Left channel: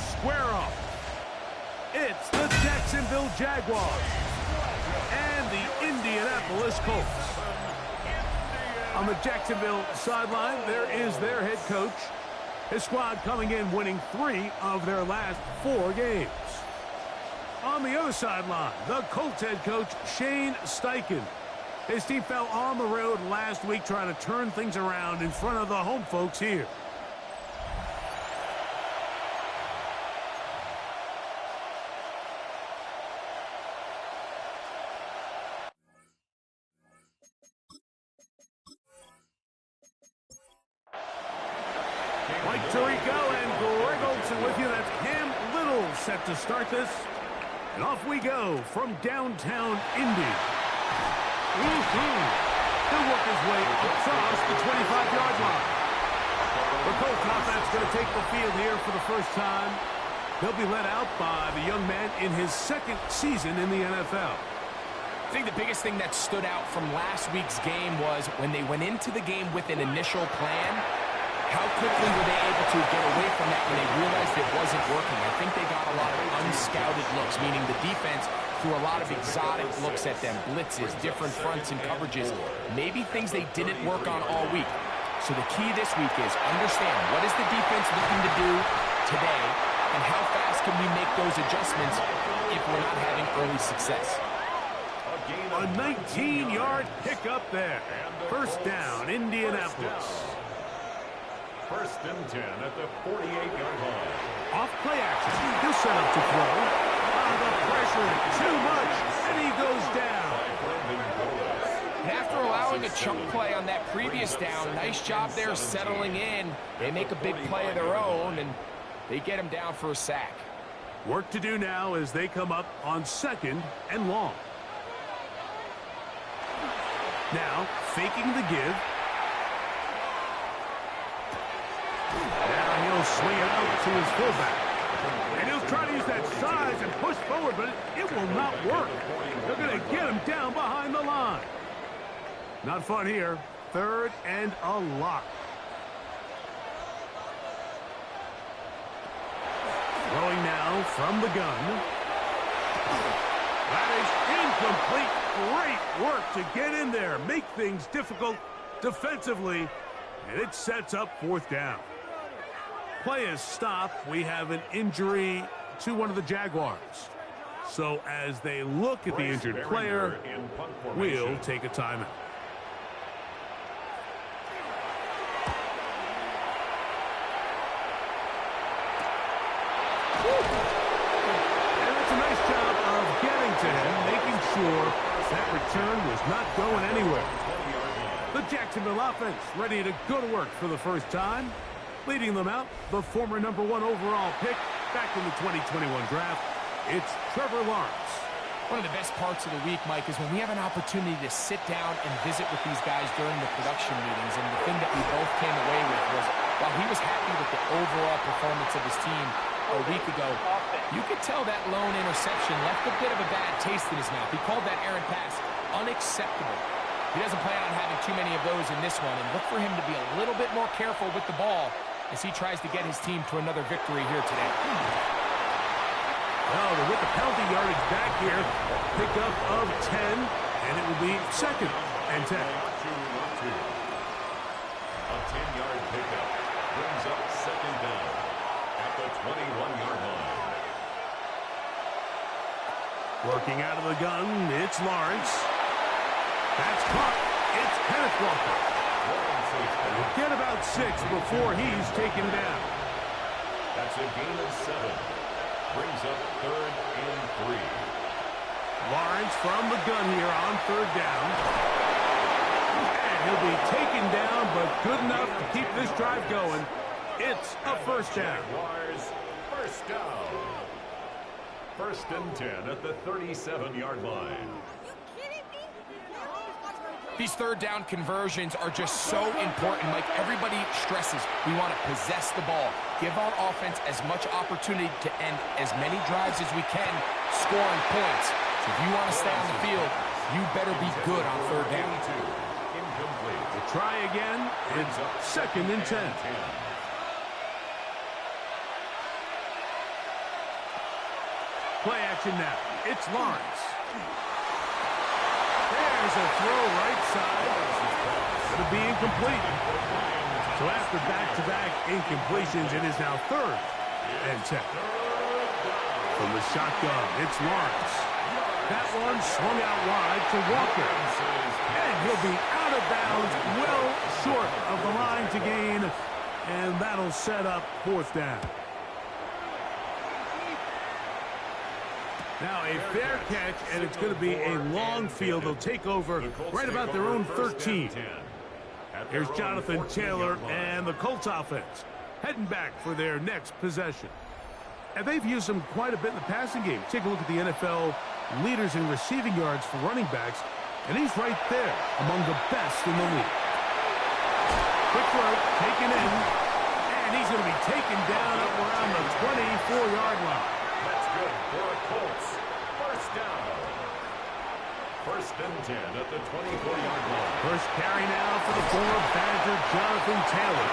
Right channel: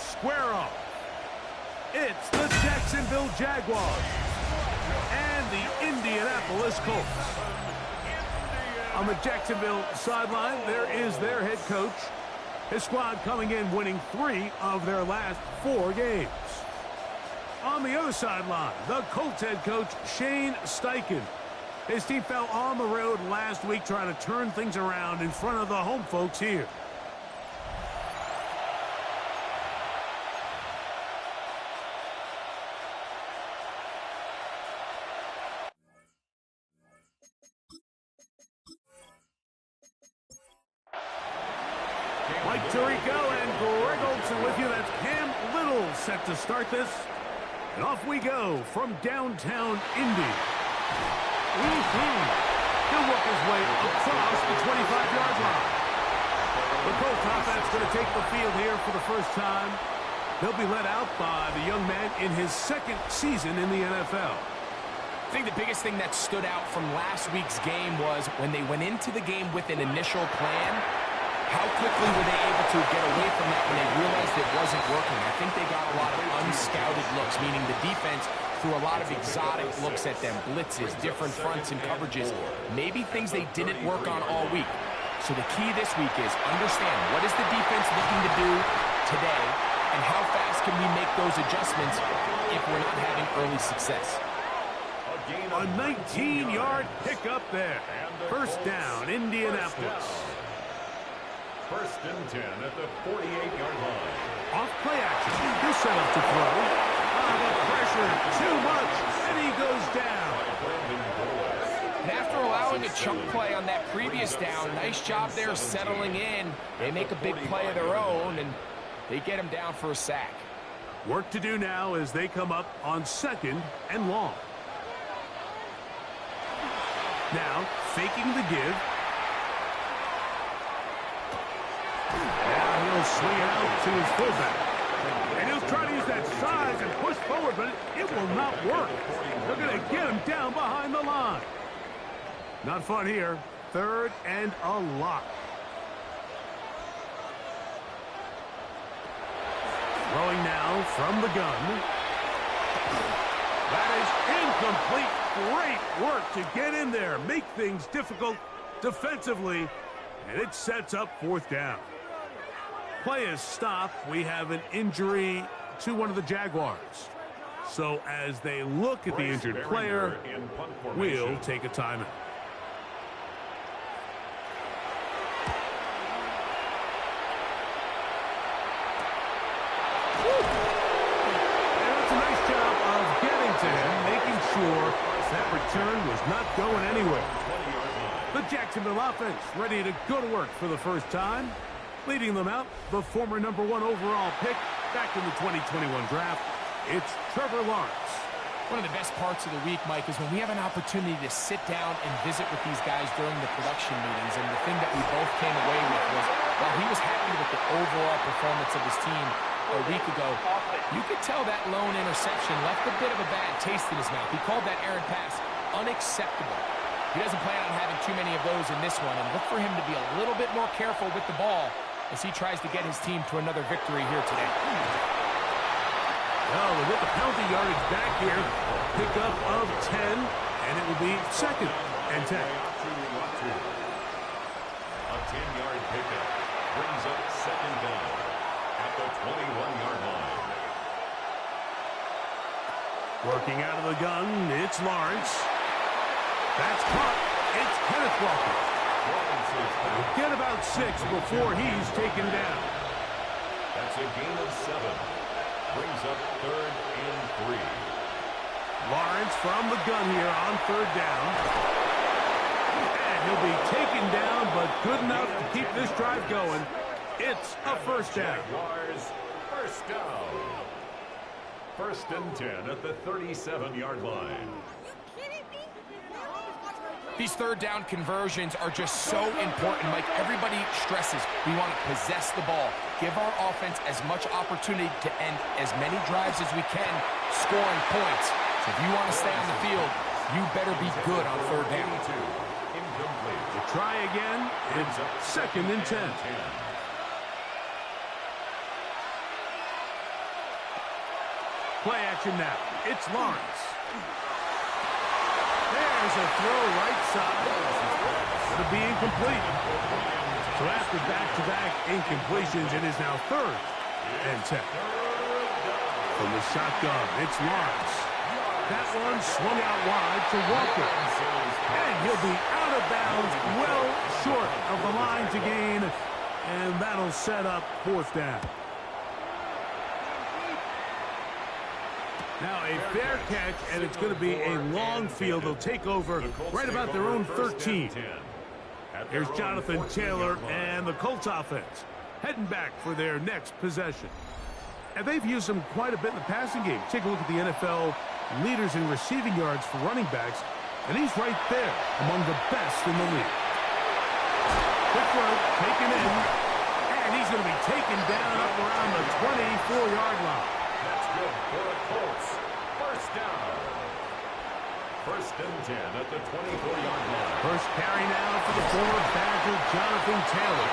square off. It's the Jacksonville Jaguars and the Indianapolis Colts. On the Jacksonville sideline, there is their head coach. His squad coming in winning 3 of their last 4 games. On the other sideline, the Colts head coach, Shane Steichen. His team fell on the road last week trying to turn things around in front of the home folks here. Mike Tirico and Greg Olsen with you. That's Cam Little set to start this. And off we go from downtown Indy. He'll work his way across the 25-yard line. The Colts offense going to take the field here for the first time. They'll be led out by the young man in his 2nd season in the NFL. I think the biggest thing that stood out from last week's game was when they went into the game with an initial plan, how quickly were they able to get away from that when they realized it wasn't working? I think they got a lot of unscouted looks, meaning the defense threw a lot of exotic looks at them, blitzes, different fronts and coverages, maybe things they didn't work on all week. So the key this week is understand what is the defense looking to do today and how fast can we make those adjustments if we're not having early success. A 19-yard pickup there. First down, Indianapolis. 1st and 10 at the 48-yard line. Off play action. He'll set up to throw. The pressure, too much, and he goes down. And after allowing a chunk play on that previous down, nice job there settling in. They make a big play of their own, and they get him down for a sack. Work to do now as they come up on 2nd and long. Now, faking the give. Now he'll swing it out to his fullback. And he'll try to use that size and push forward, but it will not work. They're going to get him down behind the line. Not fun here. 3rd and a lot. Throwing now from the gun. That is incomplete. Great work to get in there, make things difficult defensively, and it sets up 4th down. Play is stopped. We have an injury to one of the Jaguars. So as they look at the injured player, we'll take a timeout. And that's a nice job of getting to him, making sure that return was not going anywhere. The Jacksonville offense ready to go to work for the first time. Leading them out, the former #1 overall pick back in the 2021 draft, it's Trevor Lawrence. One of the best parts of the week, Mike, is when we have an opportunity to sit down and visit with these guys during the production meetings. And the thing that we both came away with was, while he was happy with the overall performance of his team a week ago, you could tell that lone interception left a bit of a bad taste in his mouth. He called that errant pass unacceptable. He doesn't plan on having too many of those in this one, and look for him to be a little bit more careful with the ball as he tries to get his team to another victory here today. Well, with the penalty yardage back here, pickup of 10, and it will be 2nd and 10. A 10-yard pickup brings up 2nd down at the 21-yard line. Working out of the gun, it's Lawrence. That's caught. It's Kenneth Walker. He'll get about 6 before he's taken down. That's a gain of 7. Brings up 3rd and 3. Lawrence from the gun here on 3rd down. And he'll be taken down, but good enough to keep this drive going. It's a 1st down. Jaguars, 1st down. 1st and 10 at the 37-yard line. These 3rd down conversions are just so important, Mike. Everybody stresses we want to possess the ball, give our offense as much opportunity to end as many drives as we can, scoring points. So if you want to stay on the field, you better be good on 3rd down. Incomplete. To try again, it's 2nd and 10. Play action now. It's Lawrence. There's a throw right side. Going to be incomplete. So after back-to-back incompletions, it is now 3rd and 10. From the shotgun, it's Lawrence. That one swung out wide to Walker. And he'll be out of bounds, well short of the line to gain. And that'll set up 4th down. Now a fair catch, and it's going to be a long field. They'll take over right about their own 13. Here's Jonathan Taylor and the Colts offense heading back for their next possession. And they've used him quite a bit in the passing game. Take a look at the NFL leaders in receiving yards for running backs, and he's right there among the best in the league. Quick throw, taken in, and he's going to be taken down up around the 24-yard line. That's good for the Colts. 1st down. 1st and 10 at the 24-yard line. First carry now for the former Badger, Jonathan Taylor.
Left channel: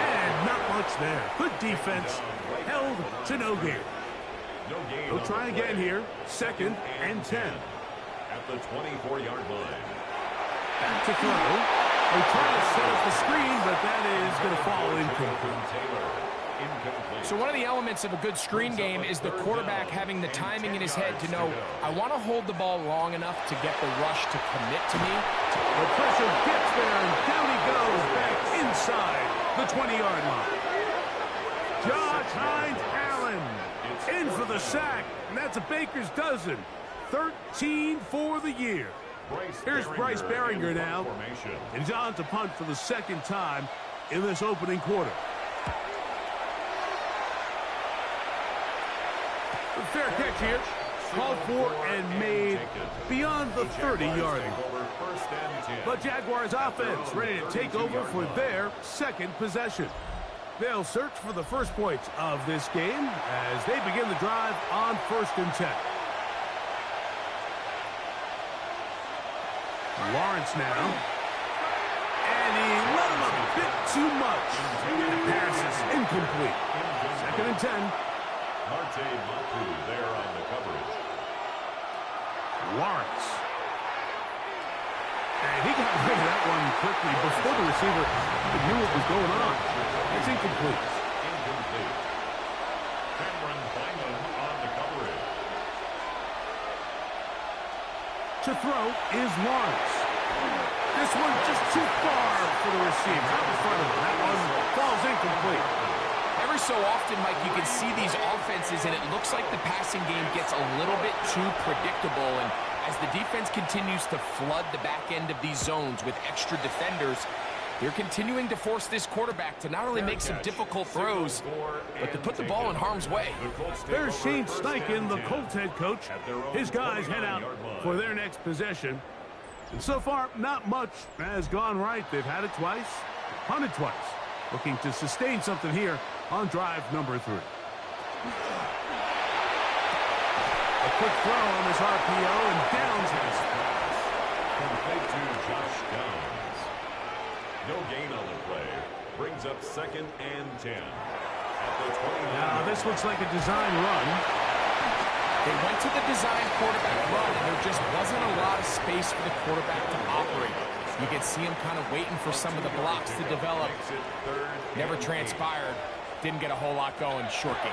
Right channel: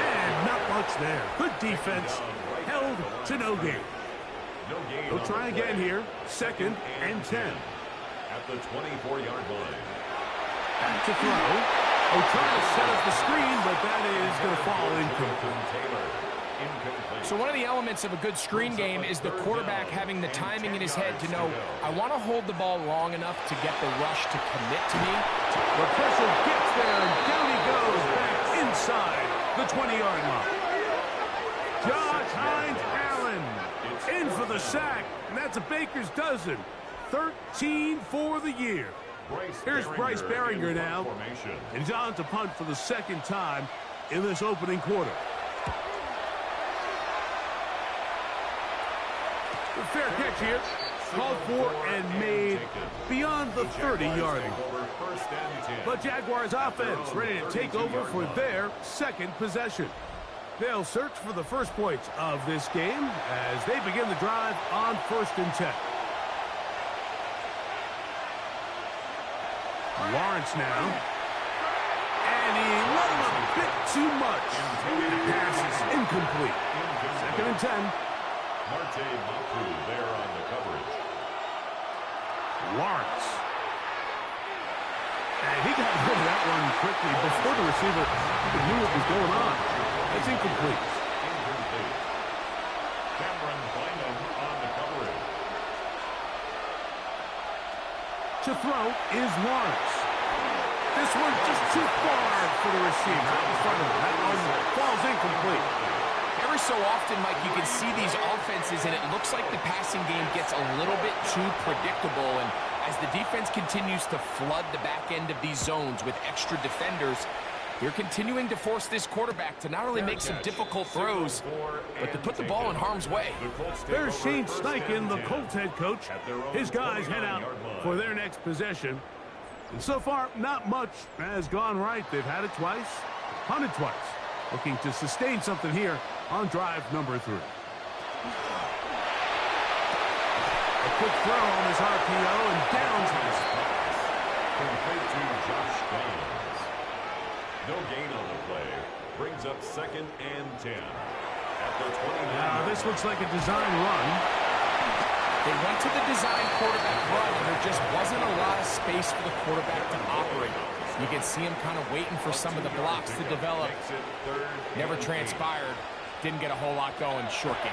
And not much there. Good defense. Held to no gain. They'll try again here. 2nd and 10. At the 24-yard line. Back to throw. They're trying to set up the screen, but that is going to fall incomplete. So one of the elements of a good screen game is the quarterback having the timing in his head to know, I want to hold the ball long enough to get the rush to commit to me. The pressure gets there, and down he goes back inside the 20-yard line. Josh Hines-Allen in for the sack, and that's a baker's dozen. 13 for the year. Here's Bryce Behringer now, and he's on to punt for the 2nd time in this opening quarter. A fair catch here, called for and made beyond the 30-yard line. But Jaguars offense ready to take over for their 2nd possession. They'll search for the first points of this game as they begin the drive on 1st and 10. Lawrence now. And he let him a bit too much. The pass is incomplete. 2nd and 10. Marte Mapu there on the coverage. Lawrence. And he got rid of that one quickly before the receiver even knew what was going on. That's incomplete. Incomplete. Cameron Bynum on the coverage. To throw is Lawrence. This one just too far for the receiver. Out in front of him. That one falls incomplete. Every so often, Mike, you can see these offenses, and it looks like the passing game gets a little bit too predictable. And as the defense continues to flood the back end of these zones with extra defenders, they're continuing to force this quarterback to not only make some difficult throws, but to put the ball in harm's way. There's Shane Steichen, the Colts head coach. His guys head out for their next possession. And so far, not much has gone right. They've had it twice, punted twice. Looking to sustain something here on drive number 3. A quick throw on this RPO, and Downs has it. Complete to Josh Downs. No gain on the play. Brings up 2nd and 10. At the 29. Now, this looks like a design run. They went to the design quarterback run, and there just wasn't a lot of space for the quarterback to operate. You can see him kind of waiting for some of the blocks to develop. Never transpired. Didn't get a whole lot going. Short game.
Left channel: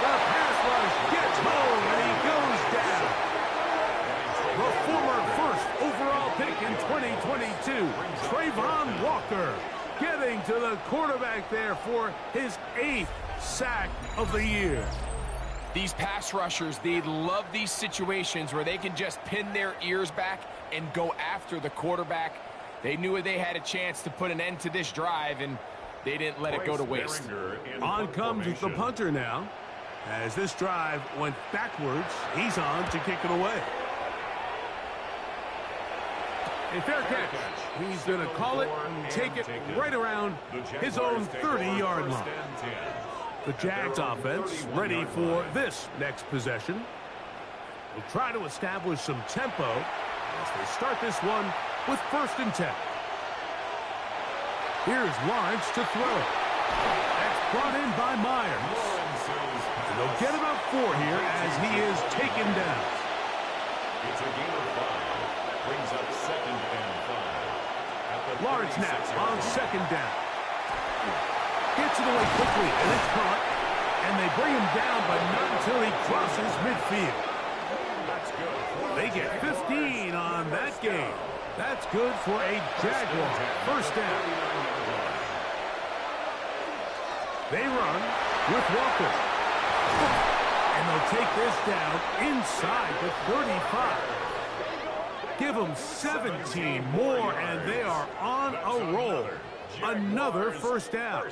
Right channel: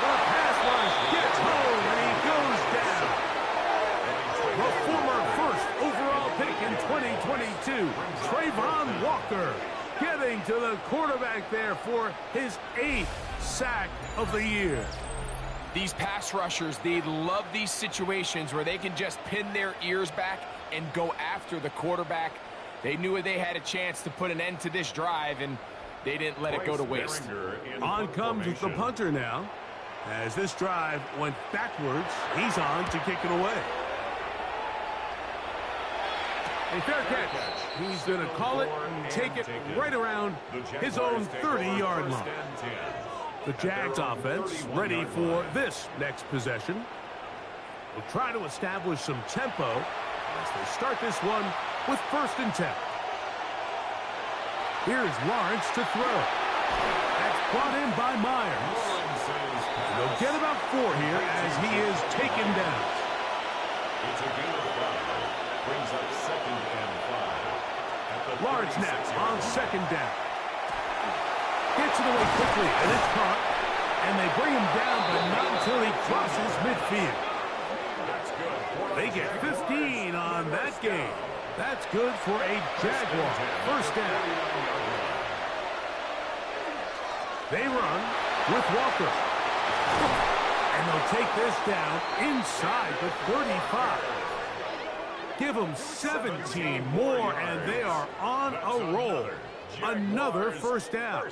The pass rush gets home, and he goes down. The former first overall pick in 2022, Trayvon Walker, getting to the quarterback there for his 8th sack of the year. These pass rushers, they love these situations where they can just pin their ears back and go after the quarterback. They knew they had a chance to put an end to this drive, and they didn't let it go to waste. On comes the punter now. As this drive went backwards, he's on to kick it away. A fair catch. He's going to call it and take it right around his own 30-yard line. The Jags offense ready for this next possession. Will try to establish some tempo as they start this one with 1st and 10. Here's Lawrence to throw. That's brought in by Myers. And they'll get about 4 here as he is taken down. It's a gain of 5. Brings up 2nd and 5. At the Lawrence now 36-yard on line. 2nd down. Gets it away quickly, and it's caught. And they bring him down, but not until he crosses midfield. That's good for They get 15 on that game. That's good for a Jaguar first down. They run with Walker. And they'll take this down inside the 35. Give them 17 more, and they are on a roll. Another first down.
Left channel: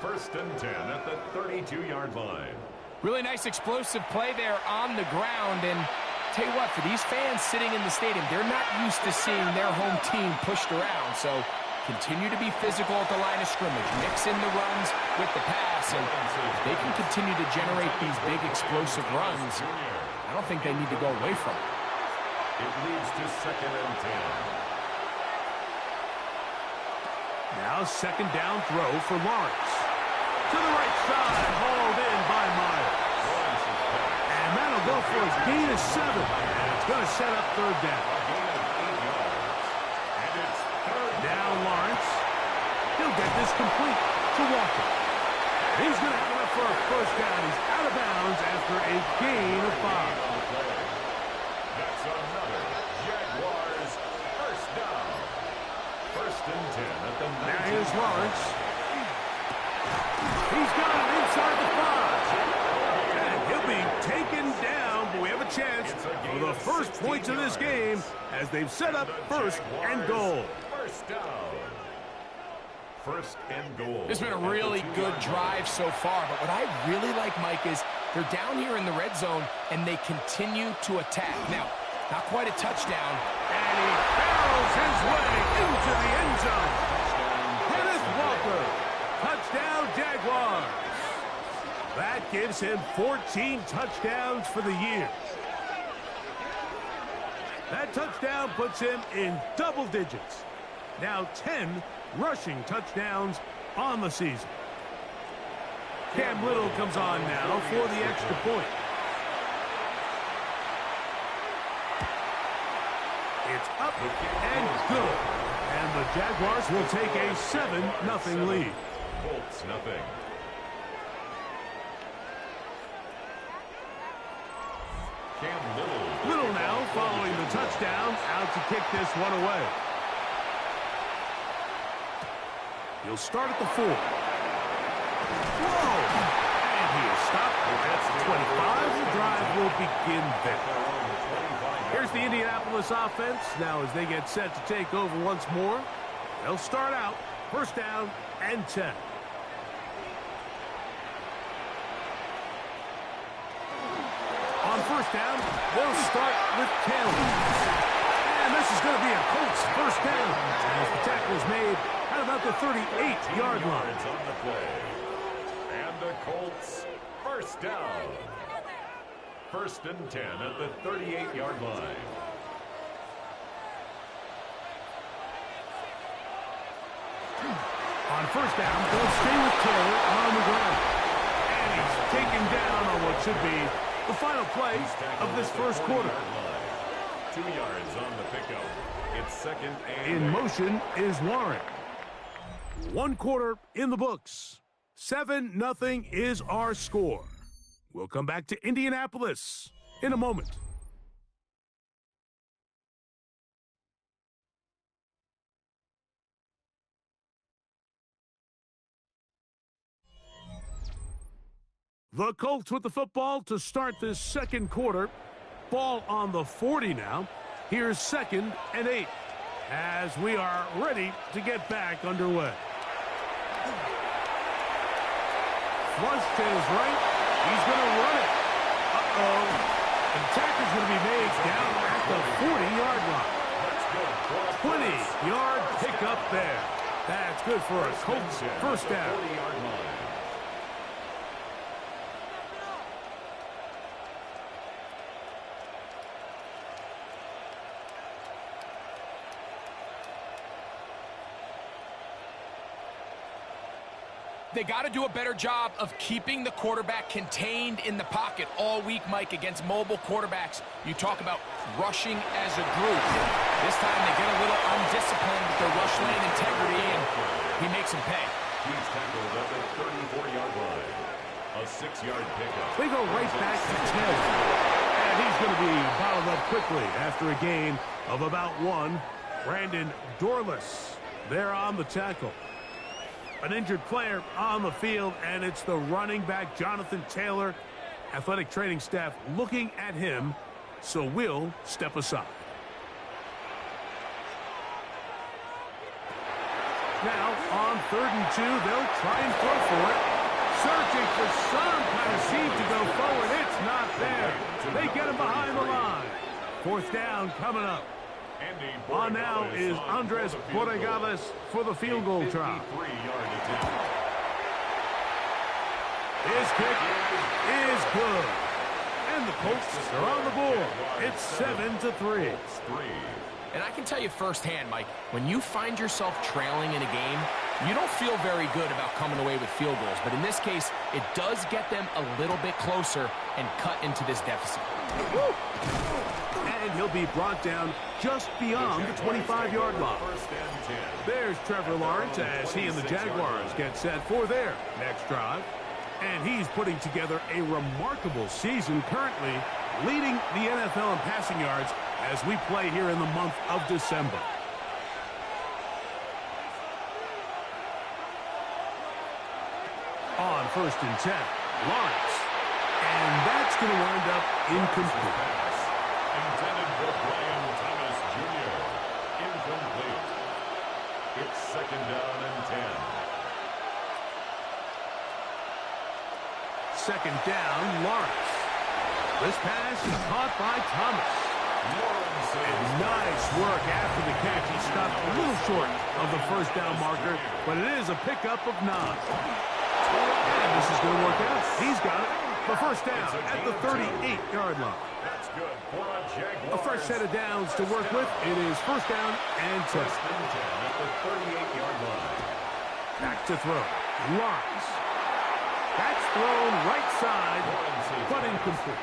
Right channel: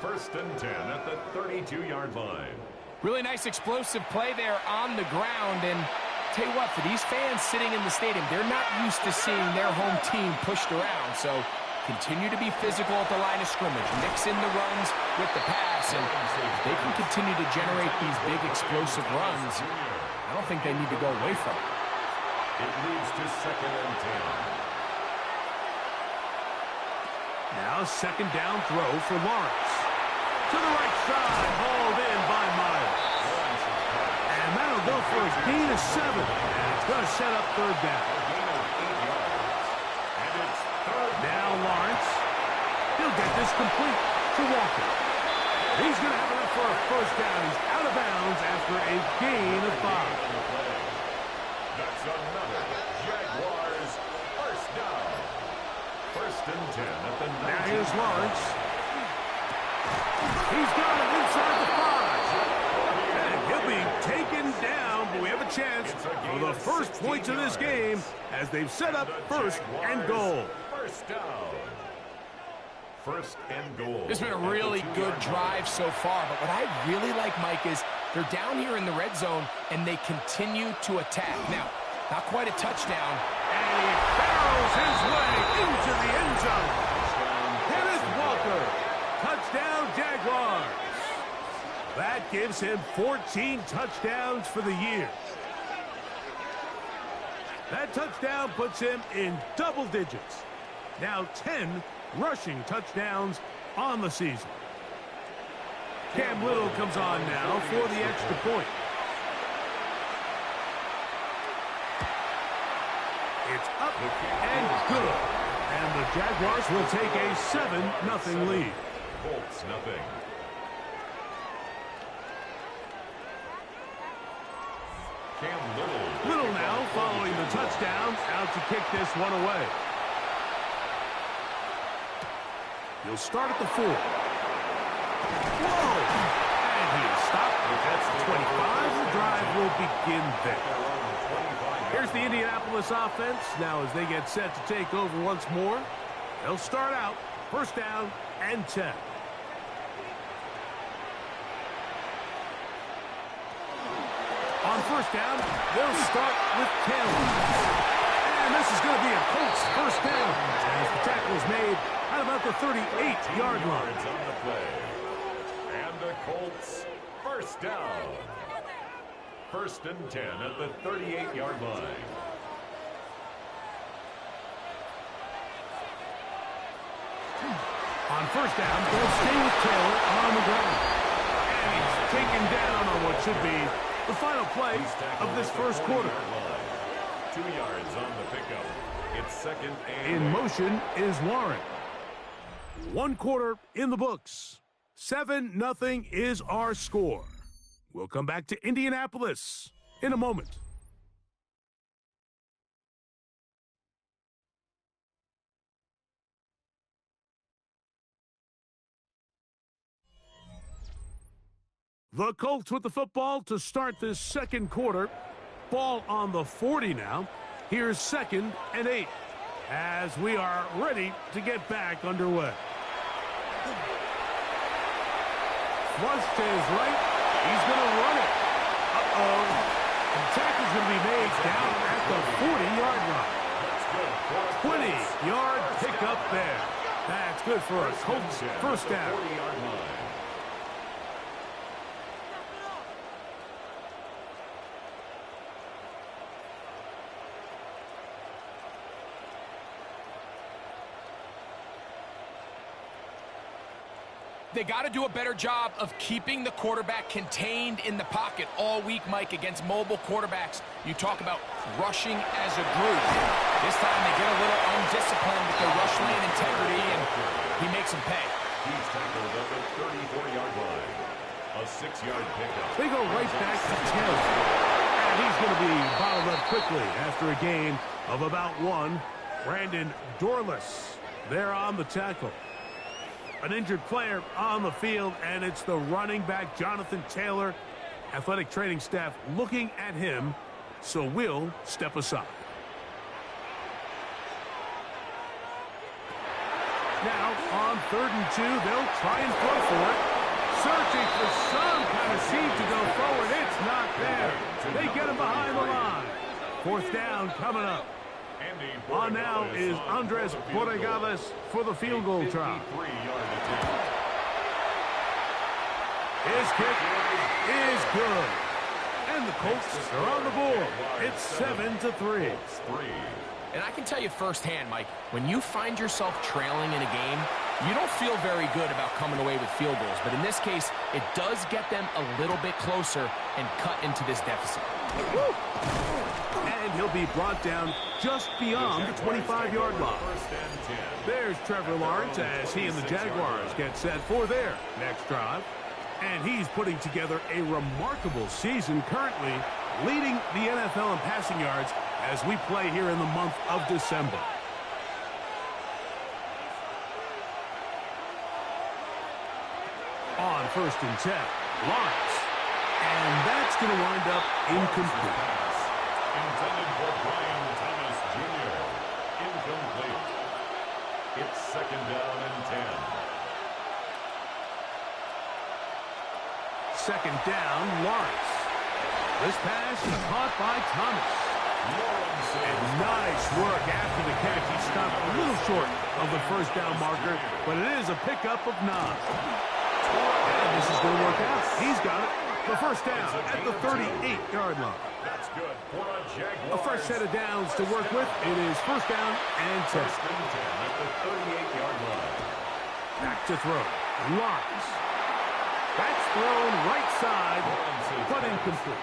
First and 10 at the 32-yard line. Really nice explosive play there on the ground. And tell you what, for these fans sitting in the stadium, they're not used to seeing their home team pushed around. So continue to be physical at the line of scrimmage. Mix in the runs with the pass. And if they can continue to generate these big explosive runs, I don't think they need to go away from it. It leads to 2nd and 10. Now 2nd down throw for Lawrence. To the right side, hauled in by Myers. And that'll go for a gain of 7. And it's going to set up 3rd down. A gain of 8 yards. And it's 3rd down. Now Lawrence. He'll get this complete to Walker. He's going to have enough for a first down. He's out of bounds after a gain of 5. That's another Jaguars first down. 1st and 10 at the 19. Now here's Lawrence. He's got it inside the 5. And he'll be taken down, but we have a chance for the first points of this game as they've set up 1st and goal. First down. 1st and goal. This has been a really good drive so far, but what I really like, Mike, is they're down here in the red zone, and they continue to attack. Now, not quite a touchdown. And he barrels his way into the end zone. Kenneth Walker. Touchdown, Jaguars. That gives him 14 touchdowns for the year. That touchdown puts him in double digits. Now 10 rushing touchdowns on the season. Cam Little comes on now for the extra point. It's up and good. And the Jaguars will take a 7-0 lead. Colts nothing. Cam Little now following the touchdown, out to kick this one away. He'll start at the 4. Whoa! And he is stopped. That's the 25. The drive will begin there. Here's the Indianapolis offense. Now as they get set to take over once more, they'll start out first down and 10. On first down, they'll start with Taylor. And this is going to be a Colts first down as the tackle is made at about the 38-yard line. On the play. And the Colts first down. 1st and 10 at the 38-yard line. On first down, they'll stay with Taylor on the ground. And he's taken down on what should be the final play of this first quarter. 2 yards on the pickup. It's 2nd and In motion is Warren. 1 quarter in the books. 7-0 is our score. We'll come back to Indianapolis in a moment. The Colts with the football to start this second quarter. Ball on the 40 now. Here's 2nd and 8 as we are ready to get back underway. Flush to his right. He's going to run it. Uh-oh. The tackle's going to be made down at the 40-yard line. 20-yard pickup there. That's good for a Colts first down. 40-yard line. They got to do a better job of keeping the quarterback contained in the pocket all week, Mike, against mobile quarterbacks. You talk about rushing as a group. This time they get a little undisciplined with their rush lane integrity, and he makes them pay. He's tackled at the 34-yard line. A 6-yard pickup. They go right back to Taylor. And he's going to be bottled up quickly after a gain of about 1. Brandon Dorless there on the tackle. An injured player on the field, and it's the running back, Jonathan Taylor. Athletic training staff looking at him, so we'll step aside. Now, on 3rd and 2, they'll try and throw for it. Searching for some kind of seam to go forward. It's not there. They get him behind the line. 4th down coming up. On now is Andres Borregales for the field goal try. His kick is good. And the Colts are on the board. It's 7-3. And I can tell you firsthand, Mike, when you find yourself trailing in a game, you don't feel very good about coming away with field goals. But in this case, it does get them a little bit closer and cut into this deficit. And he'll be brought down just beyond the 25-yard line. There's Trevor Lawrence as he and the Jaguars get set for their next drive. And he's putting together a remarkable season, currently leading the NFL in passing yards as we play here in the month of December. On 1st and 10, Lawrence. And that's going to wind up incomplete. Intended for Brian Thomas Jr. Incomplete. It's 2nd down and 10. 2nd down, Lawrence. This pass is caught by Thomas. And nice work after the catch. He stopped a little short of the 1st down marker, but it is a pickup of 9. And this is going to work out. He's got it. The 1st down at the 38-yard line. That's good for a Jaguars. A fresh set of downs to work with. It is 1st down and 10. 1st and 10 at the 38-yard line. Back to throw. Lawrence. That's thrown right side, but incomplete.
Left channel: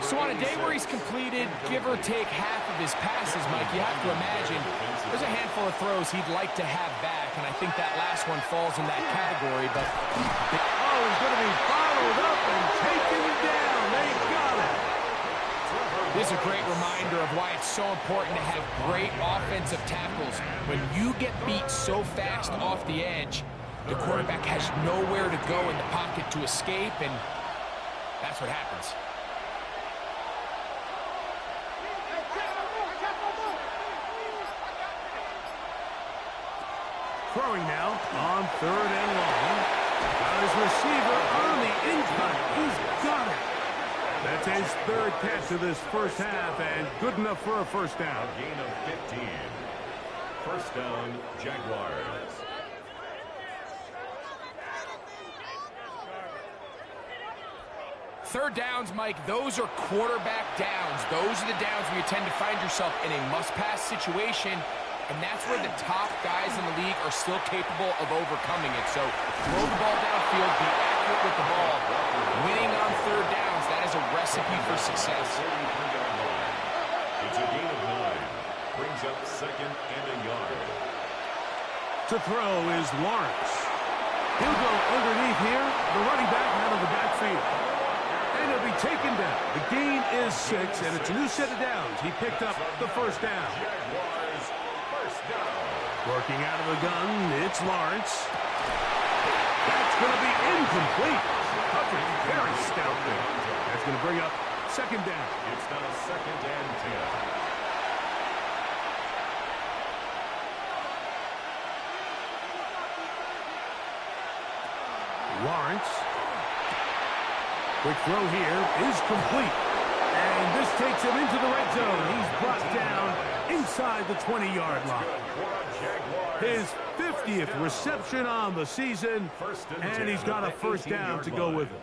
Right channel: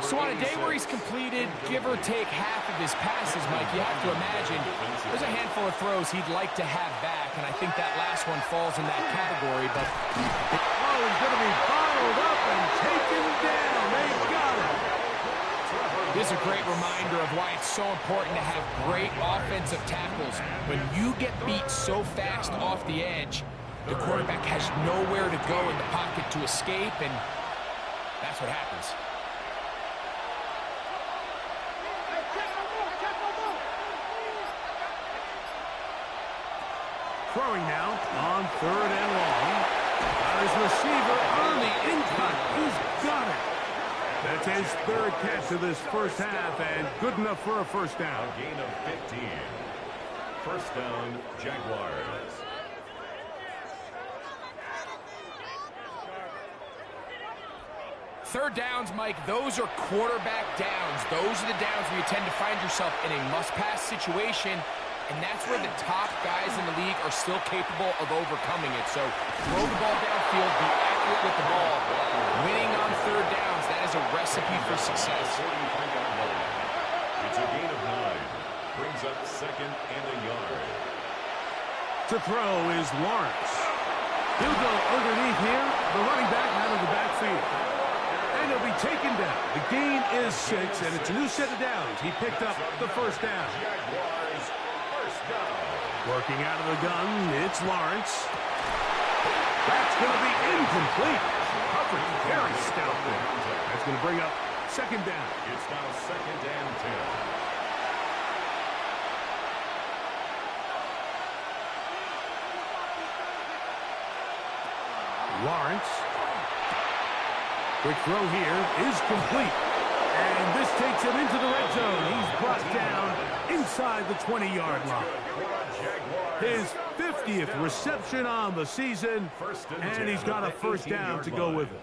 So on a day where he's completed, give or take half of his passes, Mike, you have to imagine there's a handful of throws he'd like to have back, and I think that last one falls in that category. But oh, he's going to be bottled up and taken down. They got it. This is a great reminder of why it's so important to have great offensive tackles. When you get beat so fast off the edge, the quarterback has nowhere to go in the pocket to escape, and that's what happens. Throwing now on 3rd and long. Got his receiver on the in-cut. He's got it. That's his 3rd catch of this 1st half, and good enough for a 1st down. A gain of 15. 1st down, Jaguars. Third downs, Mike, those are quarterback downs. Those are the downs where you tend to find yourself in a must-pass situation, and that's where the top guys in the league are still capable of overcoming it. So throw the ball downfield, be accurate with the ball. Winning on 3rd downs, that is a recipe for success. 43-yard line. It's a gain of 9. Brings up 2nd and a yard. To throw is Lawrence. He'll go underneath here. The running back out of the backfield. And he'll be taken down. The gain is 6, and it's a new set of downs. He picked up the 1st down. Jaguars, 1st down. Working out of the gun, it's Lawrence. That's going to be incomplete. Coverage very stout there. That's going to bring up 2nd down. It's now 2nd and 10. Lawrence. Quick throw here is complete. And this takes him into the red zone. He's brought down inside the 20-yard line. His 50th reception on the season, and he's got a 1st down to go with it.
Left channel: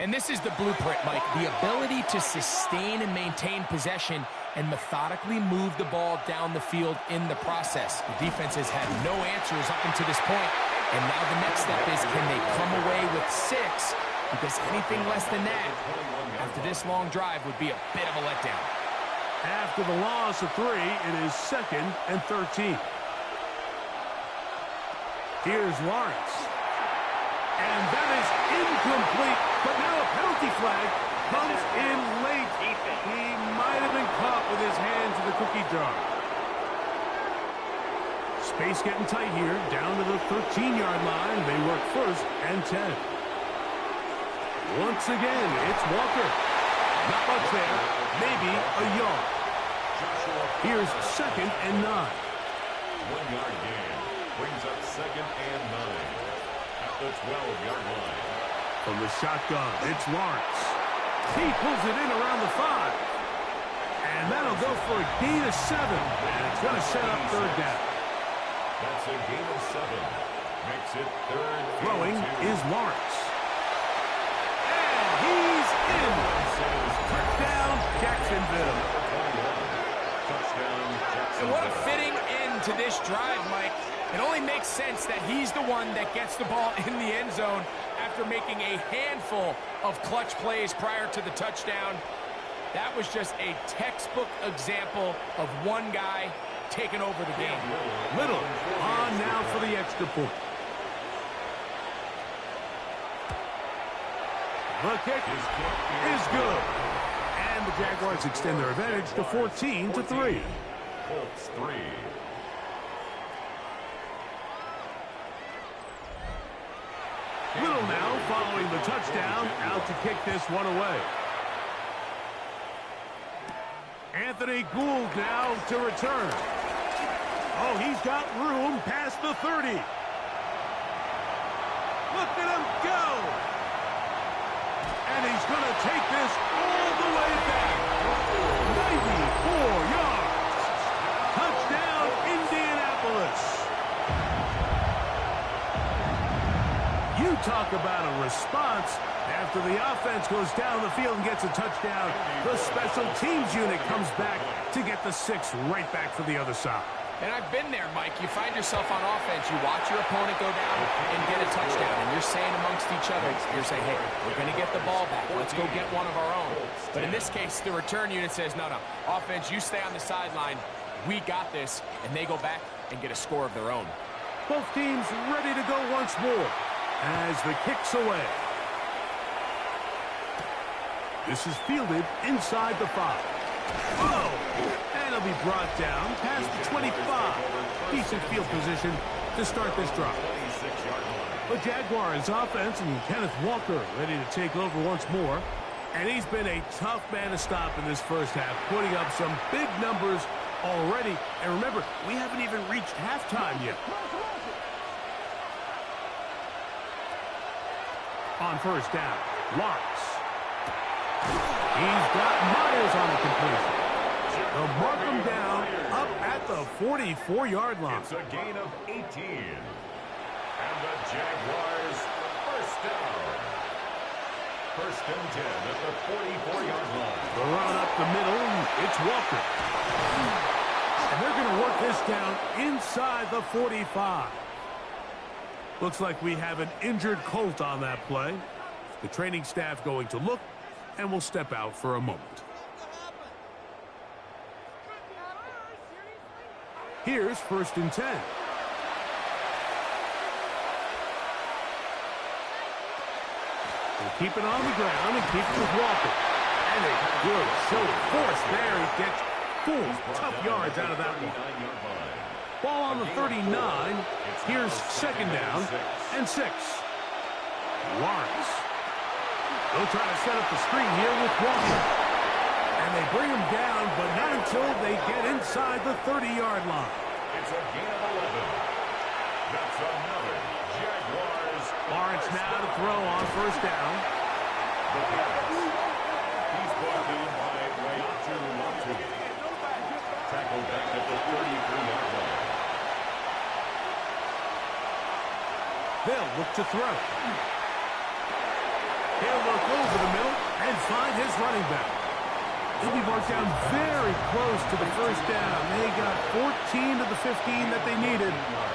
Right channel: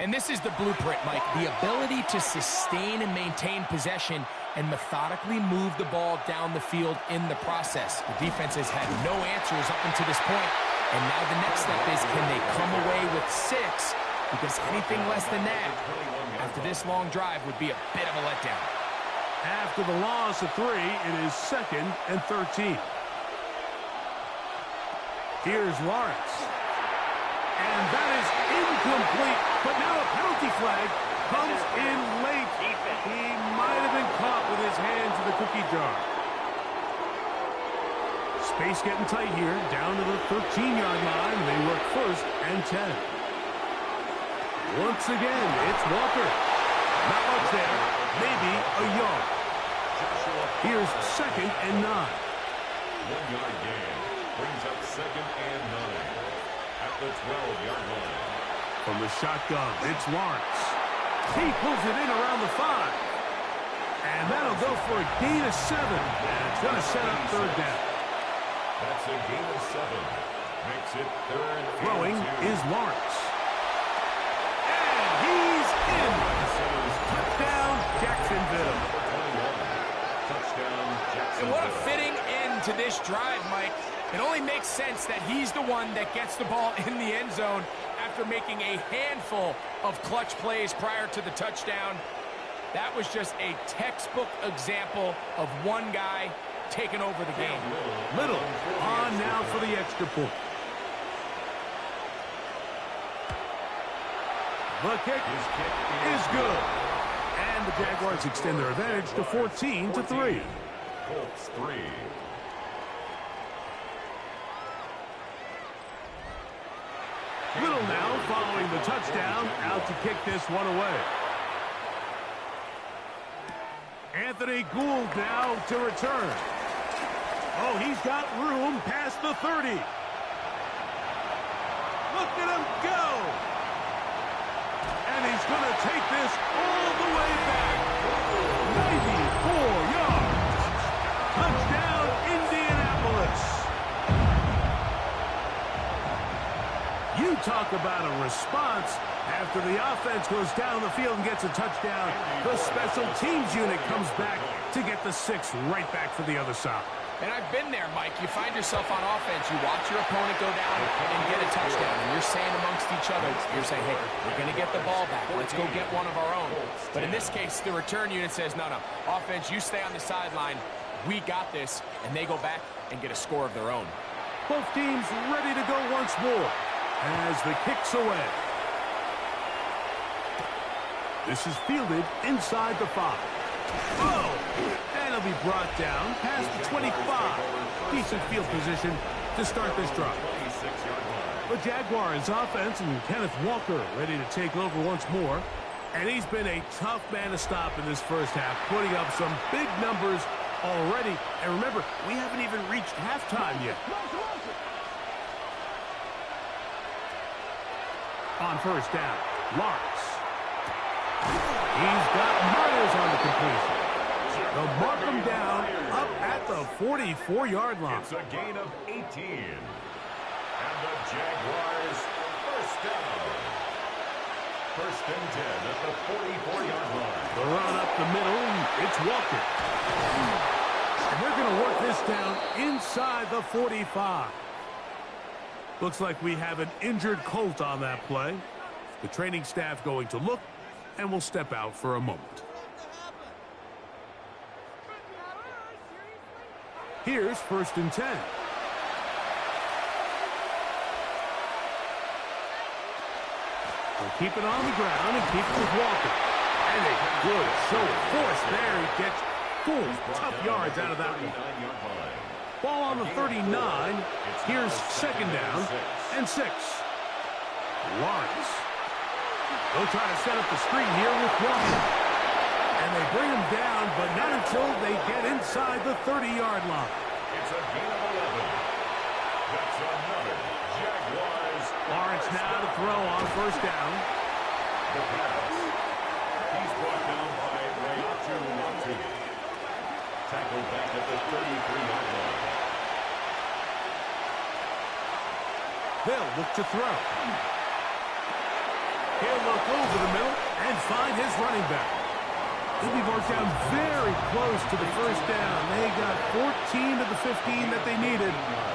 And this is the blueprint, Mike. The ability to sustain and maintain possession and methodically move the ball down the field in the process. The defense has had no answers up until this point, and now the next step is, can they come away with 6? Because anything less than that, after this long drive, would be a bit of a letdown. After the loss of 3, it is 2nd and 13. Here's Lawrence. And that is incomplete, but now a penalty flag comes in late. He might have been caught with his hands in the cookie jar. Space getting tight here, down to the 13-yard line. They work 1st and 10. Once again, it's Walker. Not much there, maybe a yard. Here's 2nd and 9. 1-yard gain brings up 2nd and 9 at the 12-yard line. From the shotgun, it's Lawrence. He pulls it in around the 5. And that'll go for a gain of 7. And it's going to set up 3rd down. That's a gain of 7. Makes it 3rd. Throwing is Lawrence. And he's in. Touchdown, Jacksonville. Touchdown, Jacksonville. And what a fitting end to this drive, Mike. It only makes sense that he's the one that gets the ball in the end zone after making a handful of clutch plays prior to the touchdown. That was just a textbook example of one guy taking over the game. Little on now for the extra point. The kick is good. And the Jaguars extend their advantage to 14-3. Colts 3. Little now following the touchdown, out to kick this one away. Anthony Gould now to return. Oh, he's got room past the 30. Look at him go. And he's going to take this all the way back. 94 yards. Touchdown, Indianapolis. You talk about a response. After the offense goes down the field and gets a touchdown, the special teams unit comes back to get the 6 right back for the other side. And I've been there, Mike. You find yourself on offense. You watch your opponent go down and get a touchdown, and you're saying amongst each other, you're saying, hey, we're going to get the ball back. Let's go get one of our own. But in this case, the return unit says, no, offense, you stay on the sideline. We got this. And they go back and get a score of their own. Both teams ready to go once more as the kick's away. This is fielded inside the 5. Oh! And it'll be brought down past the 25. Decent field position to start this drive. The Jaguars offense and Kenneth Walker ready to take over once more. And he's been a tough man to stop in this first half, putting up some big numbers already. And remember, we haven't even reached halftime yet. On first down, Lawrence. He's got Myers on the completion. They'll mark him down up at the 44-yard line. It's a gain of 18. And the Jaguars first down. 1st and 10 at the 44-yard line. The run up the middle, it's Walker. And they're going to work this down inside the 45. Looks like we have an injured Colt on that play. The training staff going to look, and we'll step out for a moment. Here's 1st and 10. We'll keep it on the ground and keep it with Walker. And a good show of force there. He gets 4 tough yards out of that one. Ball on the 39. Here's 2nd down and 6. Lawrence. They'll try to set up the screen here with Walker. And they bring him down, but not until they get inside the 30-yard line. It's a gain of 11. That's another Jaguars. Lawrence now to throw on first down. The pass. He's brought down by Latu. Tackled back at the 33-yard line. They'll look to throw. He'll look over the middle and find his running back. He'll be marked down very close to the first down. They got 14 to the 15 that they needed.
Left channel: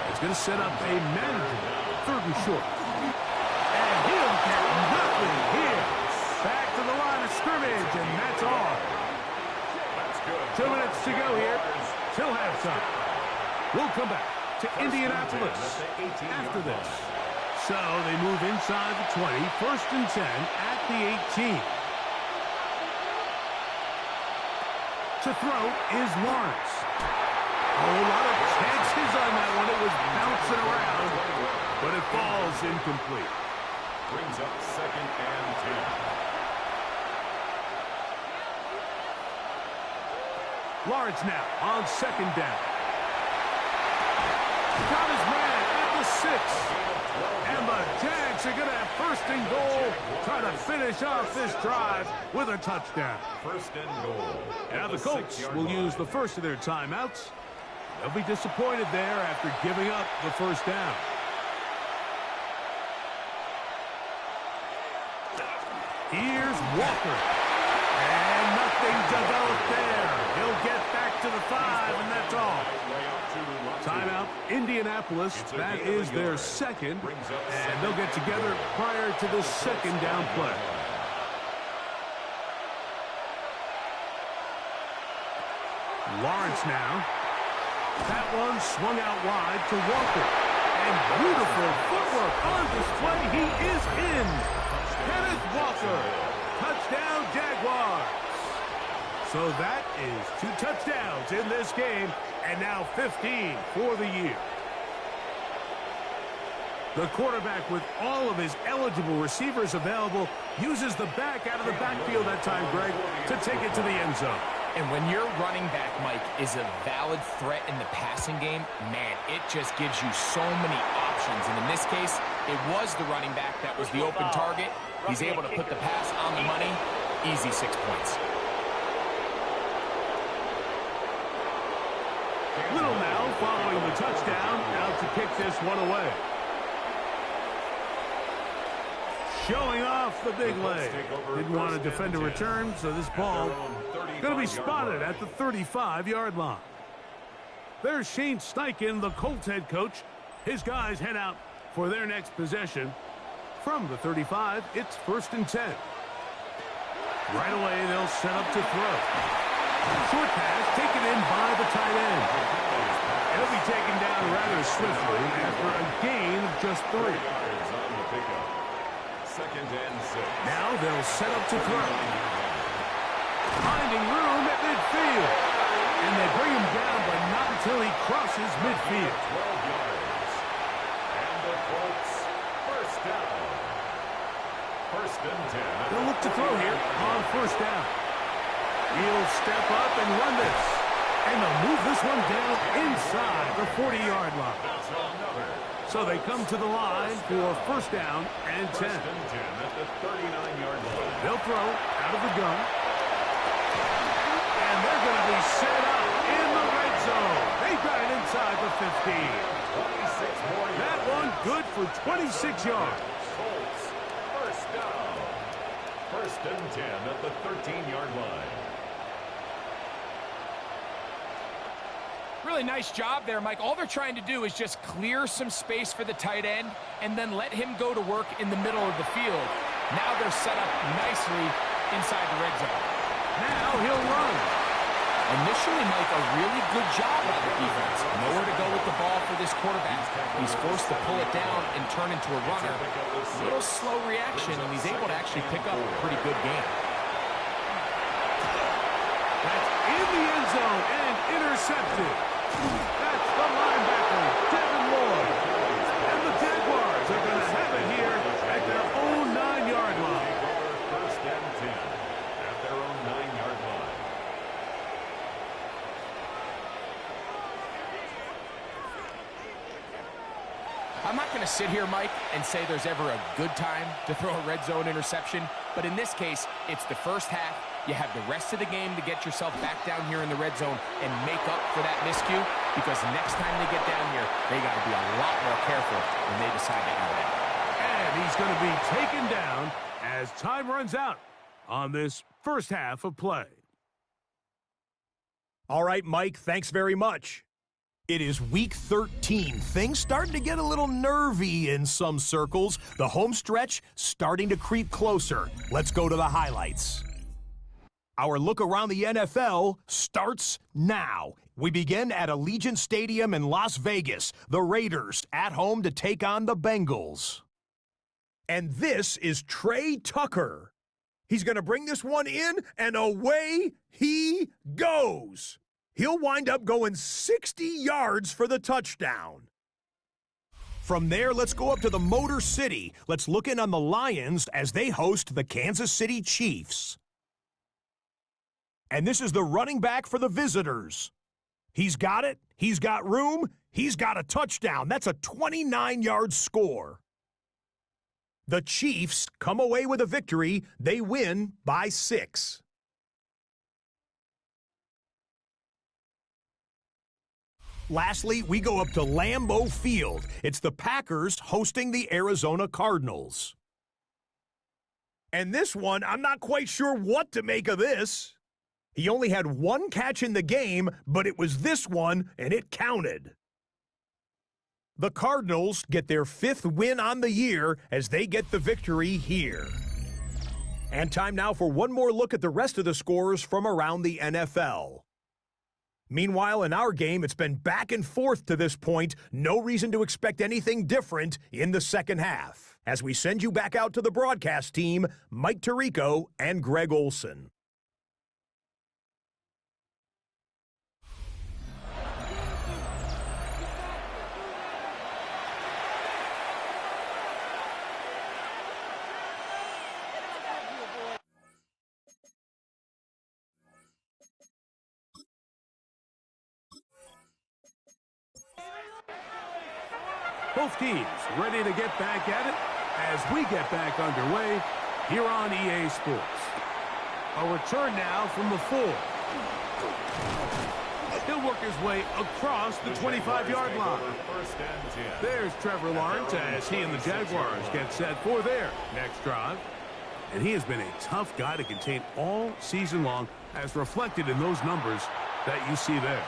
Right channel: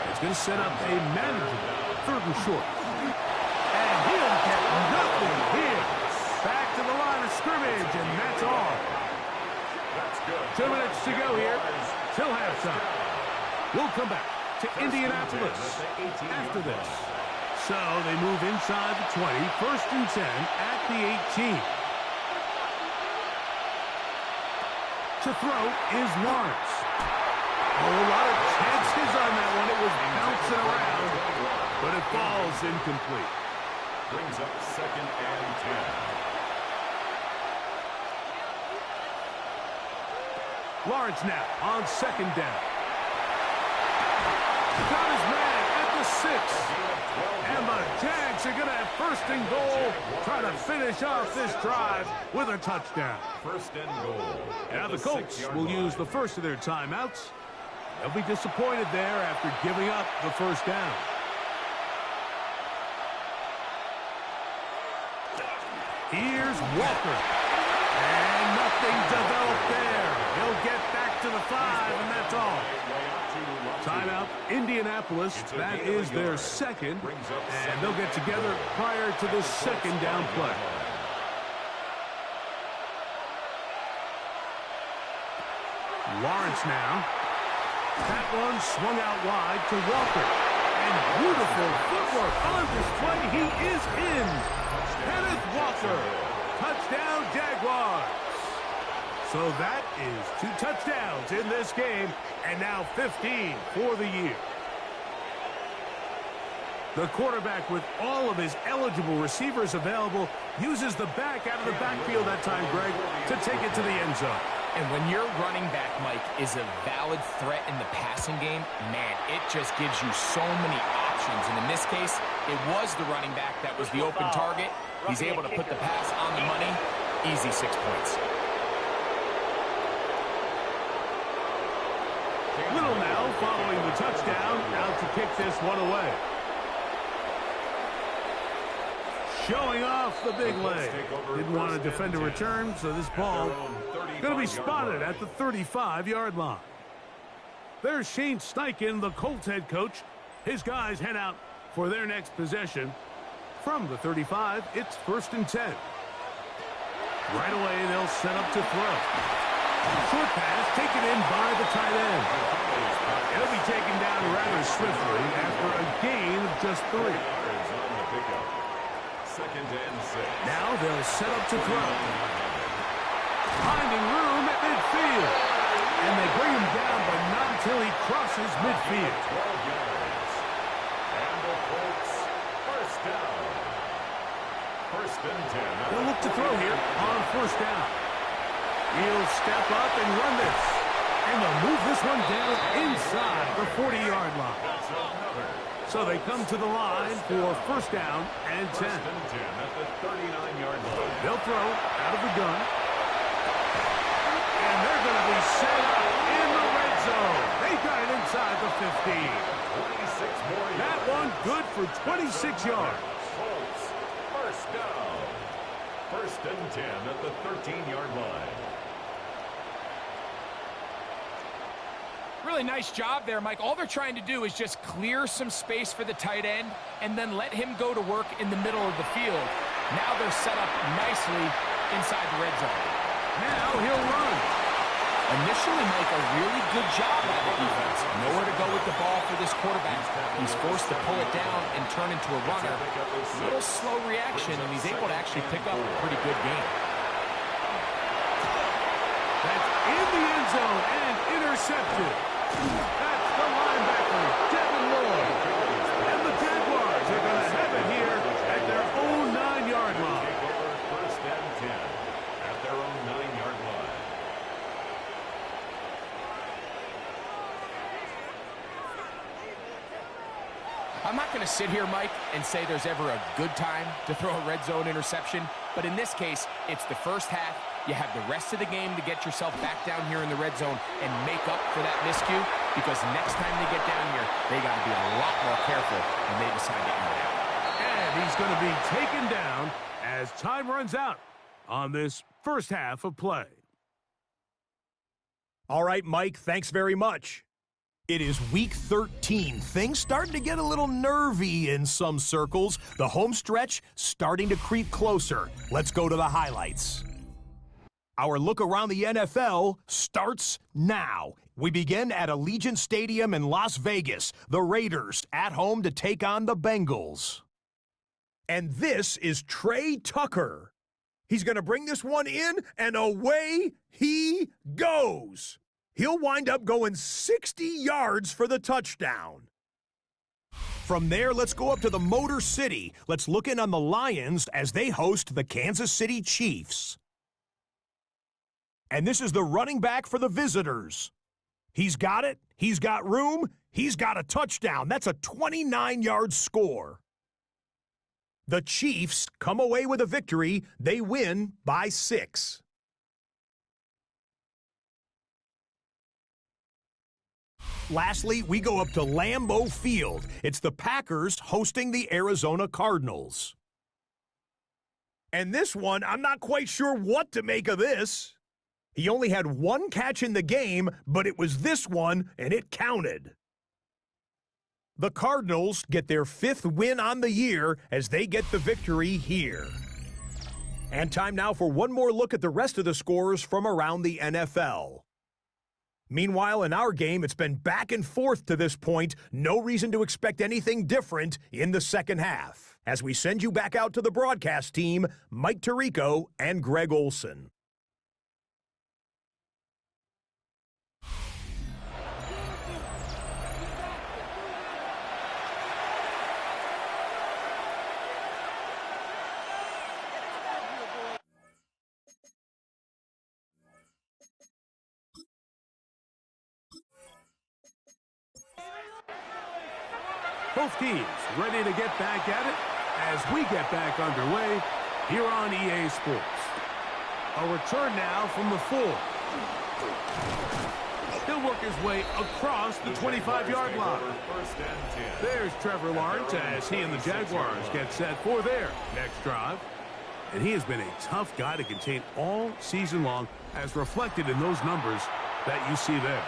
It's going to set up a manageable 3rd and short. And he'll get nothing here. Back to the line of scrimmage, and that's all. 2 minutes to go here till halftime. We'll come back to Indianapolis after this. So they move inside the 20, 1st and 10 at the 18. To throw is Lawrence. A whole lot of chances on that one. It was bouncing around, but it falls incomplete. Brings up 2nd and 10. Lawrence now on 2nd down. Got his man at the 6. And the Jags are going to have 1st and goal, trying to finish off this drive with a touchdown. 1st and goal. Now the Colts will use the first of their timeouts. They'll be disappointed there after giving up the 1st down. Here's Walker. And nothing developed there. He'll get back to the 5, and that's all. Timeout, Indianapolis. That is their 2nd, and they'll get together prior to this 2nd down play. Lawrence now. That one swung out wide to Walker. And beautiful footwork on display. He is in. Kenneth Walker. Touchdown, Jaguars. So that is 2 touchdowns in this game, and now 15 for the year. The quarterback, with all of his eligible receivers available, uses the back out of the backfield that time, Greg, to take it to the end zone. And when your running back, Mike, is a valid threat in the passing game, man, it just gives you so many options. And in this case, it was the running back that was the open target. He's able to put the pass on the money. Easy 6 points. Little now following the touchdown, out to kick this one away. Showing off the big leg. Didn't want to defend a return, so this ball going to be spotted at the 35-yard line. There's Shane Steichen, the Colts head coach. His guys head out for their next possession. From the 35, it's 1st and 10. Right away, they'll set up to throw. Short pass taken in by the tight end. It'll be taken down rather swiftly after a gain of just 3. 2nd and 6. Now they'll set up to throw. Finding room at midfield. And they bring him down, but not until he crosses midfield. 12 yards. And the Colts, 1st down. 1st and 10. They'll look to throw here on 1st down. He'll step up and run this. And they'll move this one down inside the 40-yard line. That's another. So they come to the line for 1st down and 10. 1st and 10 at the 39-yard line. They'll throw out of the gun. And they're going to be set up in the red zone. They got it inside the 15. 26 more yards. That one good for 26 yards. Colts, 1st down. 1st and 10 at the 13-yard line. Really nice job there, Mike. All they're trying to do is just clear some space for the tight end and then let him go to work in the middle of the field. Now they're set up nicely inside the red zone. Now he'll run. Initially, Mike, a really good job by the defense. Nowhere to go with the ball for this quarterback. He's forced to pull it down and turn into a runner. A little slow reaction, and he's able to actually pick up a pretty good game. That's in the end zone and intercepted. That's the linebacker, Devin Lloyd. And the Jaguars are going to have it here at their own 9-yard line. 1st and 10 at their own 9-yard line. I'm not going to sit here, Mike, and say there's ever a good time to throw a red zone interception, but in this case, it's the first half. You have the rest of the game to get yourself back down here in the red zone and make up for that miscue, because next time they get down here, they got to be a lot more careful when they decide to air it out. And he's going to be taken down as time runs out on this first half of play. All right, Mike, thanks very much. It is week 13. Things starting to get a little nervy in some circles. The home stretch starting to creep closer. Let's go to the highlights. Our look around the NFL starts now. We begin at Allegiant Stadium in Las Vegas. The Raiders at home to take on the Bengals. And this is Trey Tucker. He's going to bring this one in, and away he goes. He'll wind up going 60 yards for the touchdown. From there, let's go up to the Motor City. Let's look in on the Lions as they host the Kansas City Chiefs. And this is the running back for the visitors. He's got it. He's got room. He's got a touchdown. That's a 29-yard score. The Chiefs come away with a victory. They win by 6. Lastly, we go up to Lambeau Field. It's the Packers hosting the Arizona Cardinals. And this one, I'm not quite sure what to make of this. He only had one catch in the game, but it was this one, and it counted. The Cardinals get their 5th win on the year as they get the victory here. And time now for one more look at the rest of the scores from around the NFL. Meanwhile, in our game, it's been back and forth to this point. No reason to expect anything different in the second half. As we send you back out to the broadcast team, Mike Tirico and Greg Olson. Both teams ready to get back at it as we get back underway here on EA Sports. A return now from the 4. He'll work his way across the 25-yard line. There's Trevor Lawrence as he and the Jaguars get set for their next drive. And he has been a tough guy to contain all season long, as reflected in those numbers that you see there.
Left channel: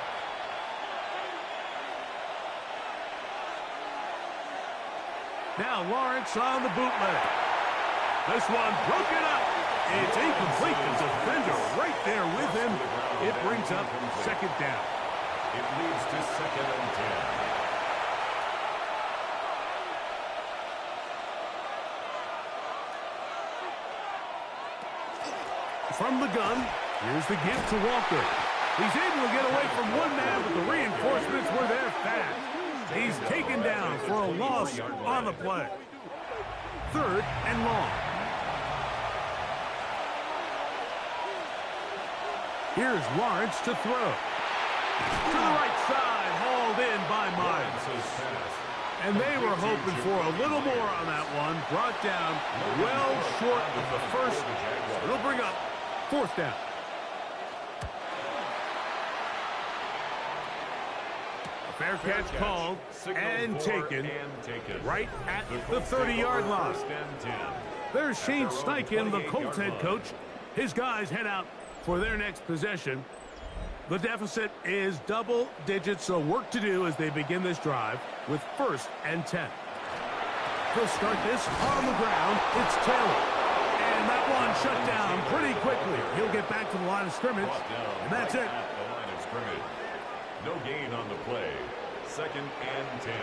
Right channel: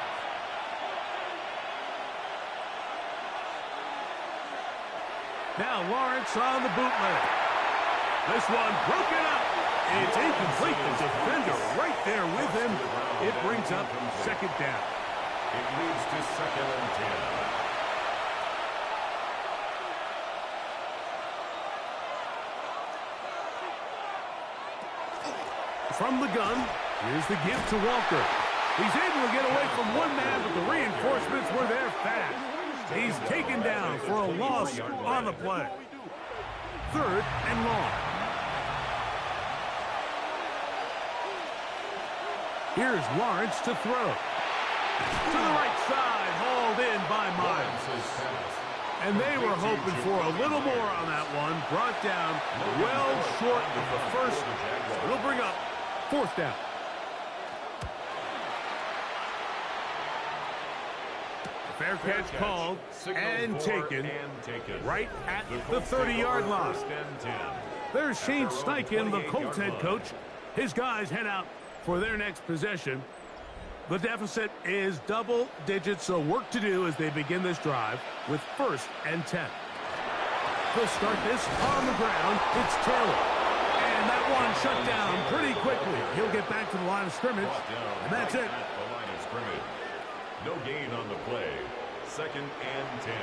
Now Lawrence on the bootleg. This one broken up. It's incomplete. The defender right there with him. It brings up second down. It leads to 2nd and 10. From the gun, here's the give to Walker. He's able to get away from one man, but the reinforcements were there fast. He's taken down for a loss on the play. 3rd and long. Here's Lawrence to throw. To the right side, hauled in by Miles. And they were hoping for a little more on that one. Brought down well short of the first. It'll bring up 4th down. Fair catch called and taken right at the 30-yard line. There's Shane Steichen, the Colts head coach. His guys head out for their next possession. The deficit is double digits, so work to do as they begin this drive with 1st and 10. They'll start this on the ground. It's Taylor. And that one shut down pretty quickly. He'll get back to the line of scrimmage, and that's it. No gain on the play. 2nd and 10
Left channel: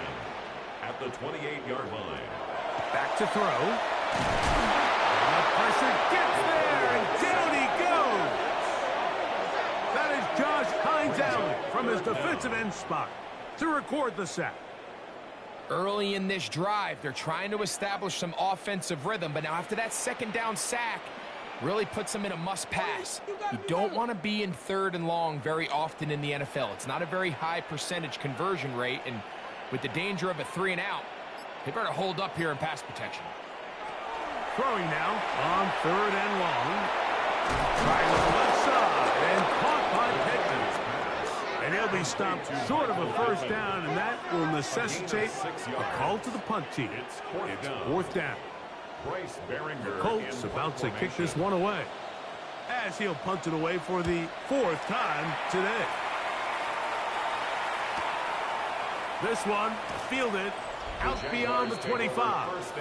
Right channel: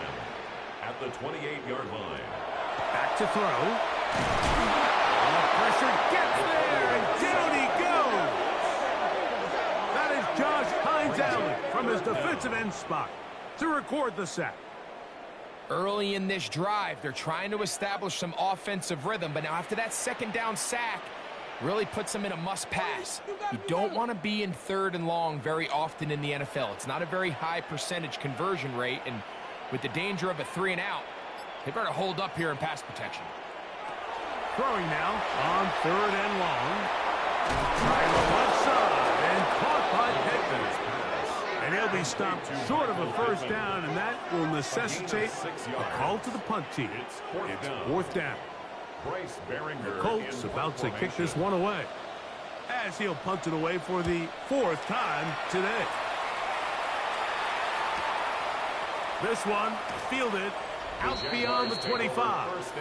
at the 28-yard line. Back to throw. And the pressure gets there, and down he goes. That is Josh Hines-Allen from his defensive end spot to record the sack. Early in this drive, they're trying to establish some offensive rhythm, but now after that 2nd down sack, really puts them in a must-pass. You don't want to be in 3rd and long very often in the NFL. It's not a very high percentage conversion rate, and with the danger of a 3-and-out, they better hold up here in pass protection. Throwing now on 3rd and long. Trying on the left side and caught by Pickens. And he'll be stopped short of a 1st down, and that will necessitate a call to the punt team. It's 4th down. The Colts about to kick this one away, as he'll punt it away for the 4th time today. This one fielded out beyond the 25.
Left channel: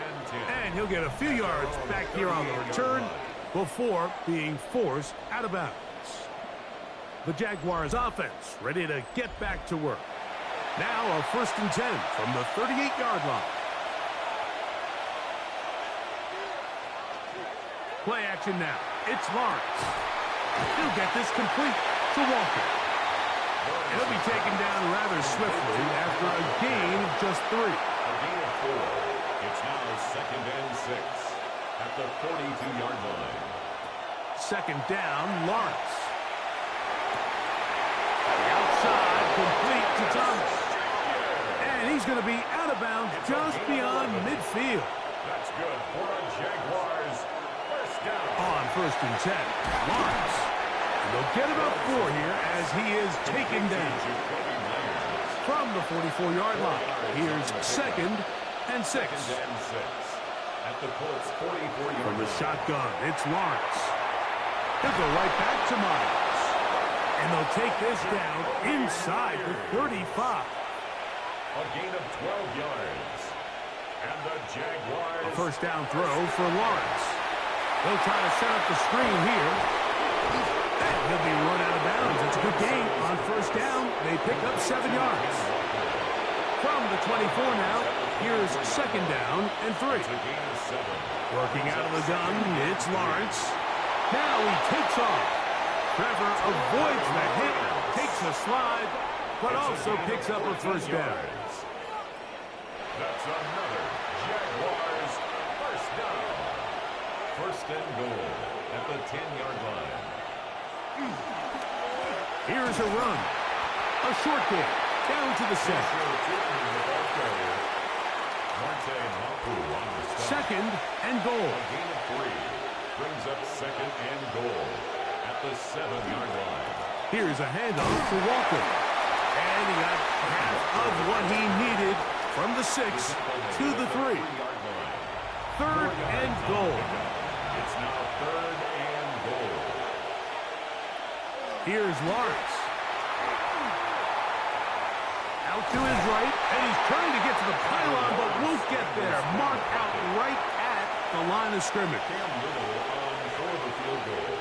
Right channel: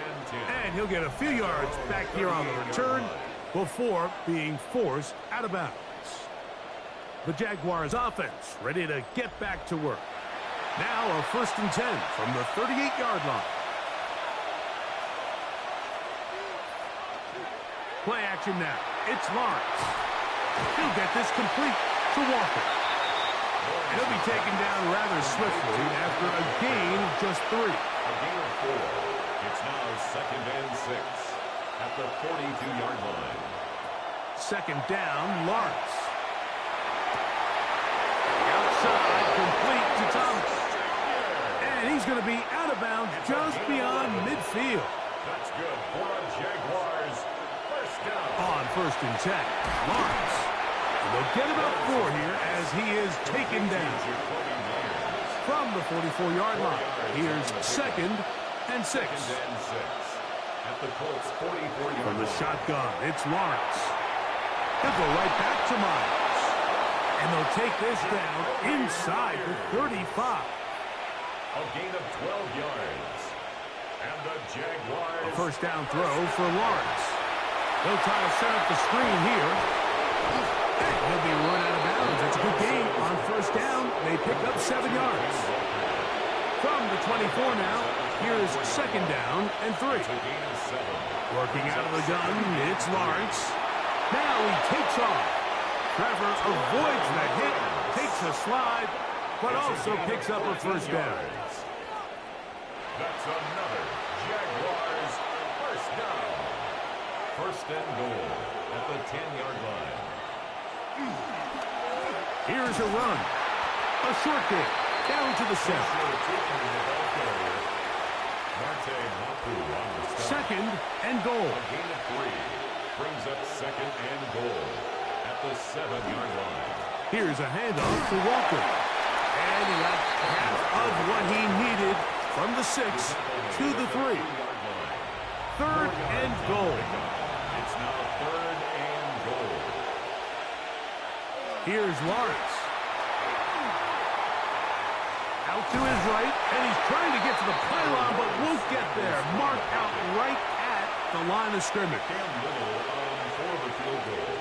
And he'll get a few yards back here on the return before being forced out of bounds. The Jaguars offense ready to get back to work. Now a 1st and 10 from the 38-yard line. Play action now. It's Lawrence. He'll get this complete to Walker. And he'll be taken down rather swiftly after a gain of just 3. A gain of 4. It's now 2nd and 6 at the 42-yard line. 2nd down, Lawrence. The outside complete to Thomas. And he's going to be out of bounds just beyond midfield. That's good for a Jaguars. 1st down. On 1st and 10, Lawrence. And they'll get about 4 here as he is taken down. From the 44-yard line, here's 2nd and 6. 2nd and 6 at the Colts 44-yard line. From the shotgun, it's Lawrence. He'll go right back to Myers. And they'll take this down inside the 35. A gain of 12 yards. And the Jaguars. A 1st down throw for Lawrence. They'll try to set up the screen here. And he'll be run out of bounds. That's a good gain on 1st down. They pick up 7 yards. From the 24 now, here's 2nd down and 3. Working out of the gun, it's Lawrence. Now he takes off. Trevor avoids the hit, takes a slide, but also picks up a 1st down. That's another Jaguars 1st down. 1st and goal at the 10-yard line. Here's a run. A short kick. Down to the 7. 2nd and goal. A gain of 3. Brings up 2nd and goal at the 7-yard line. Here's a handoff to Walker. And he got half of what he needed from the 6 to the 3. 3rd and goal. It's now 3rd and goal. Here's Lawrence. Out to his right, and he's trying to get to the pylon, but won't get there. Marked out right at the line of scrimmage. Cam Little for the field goal.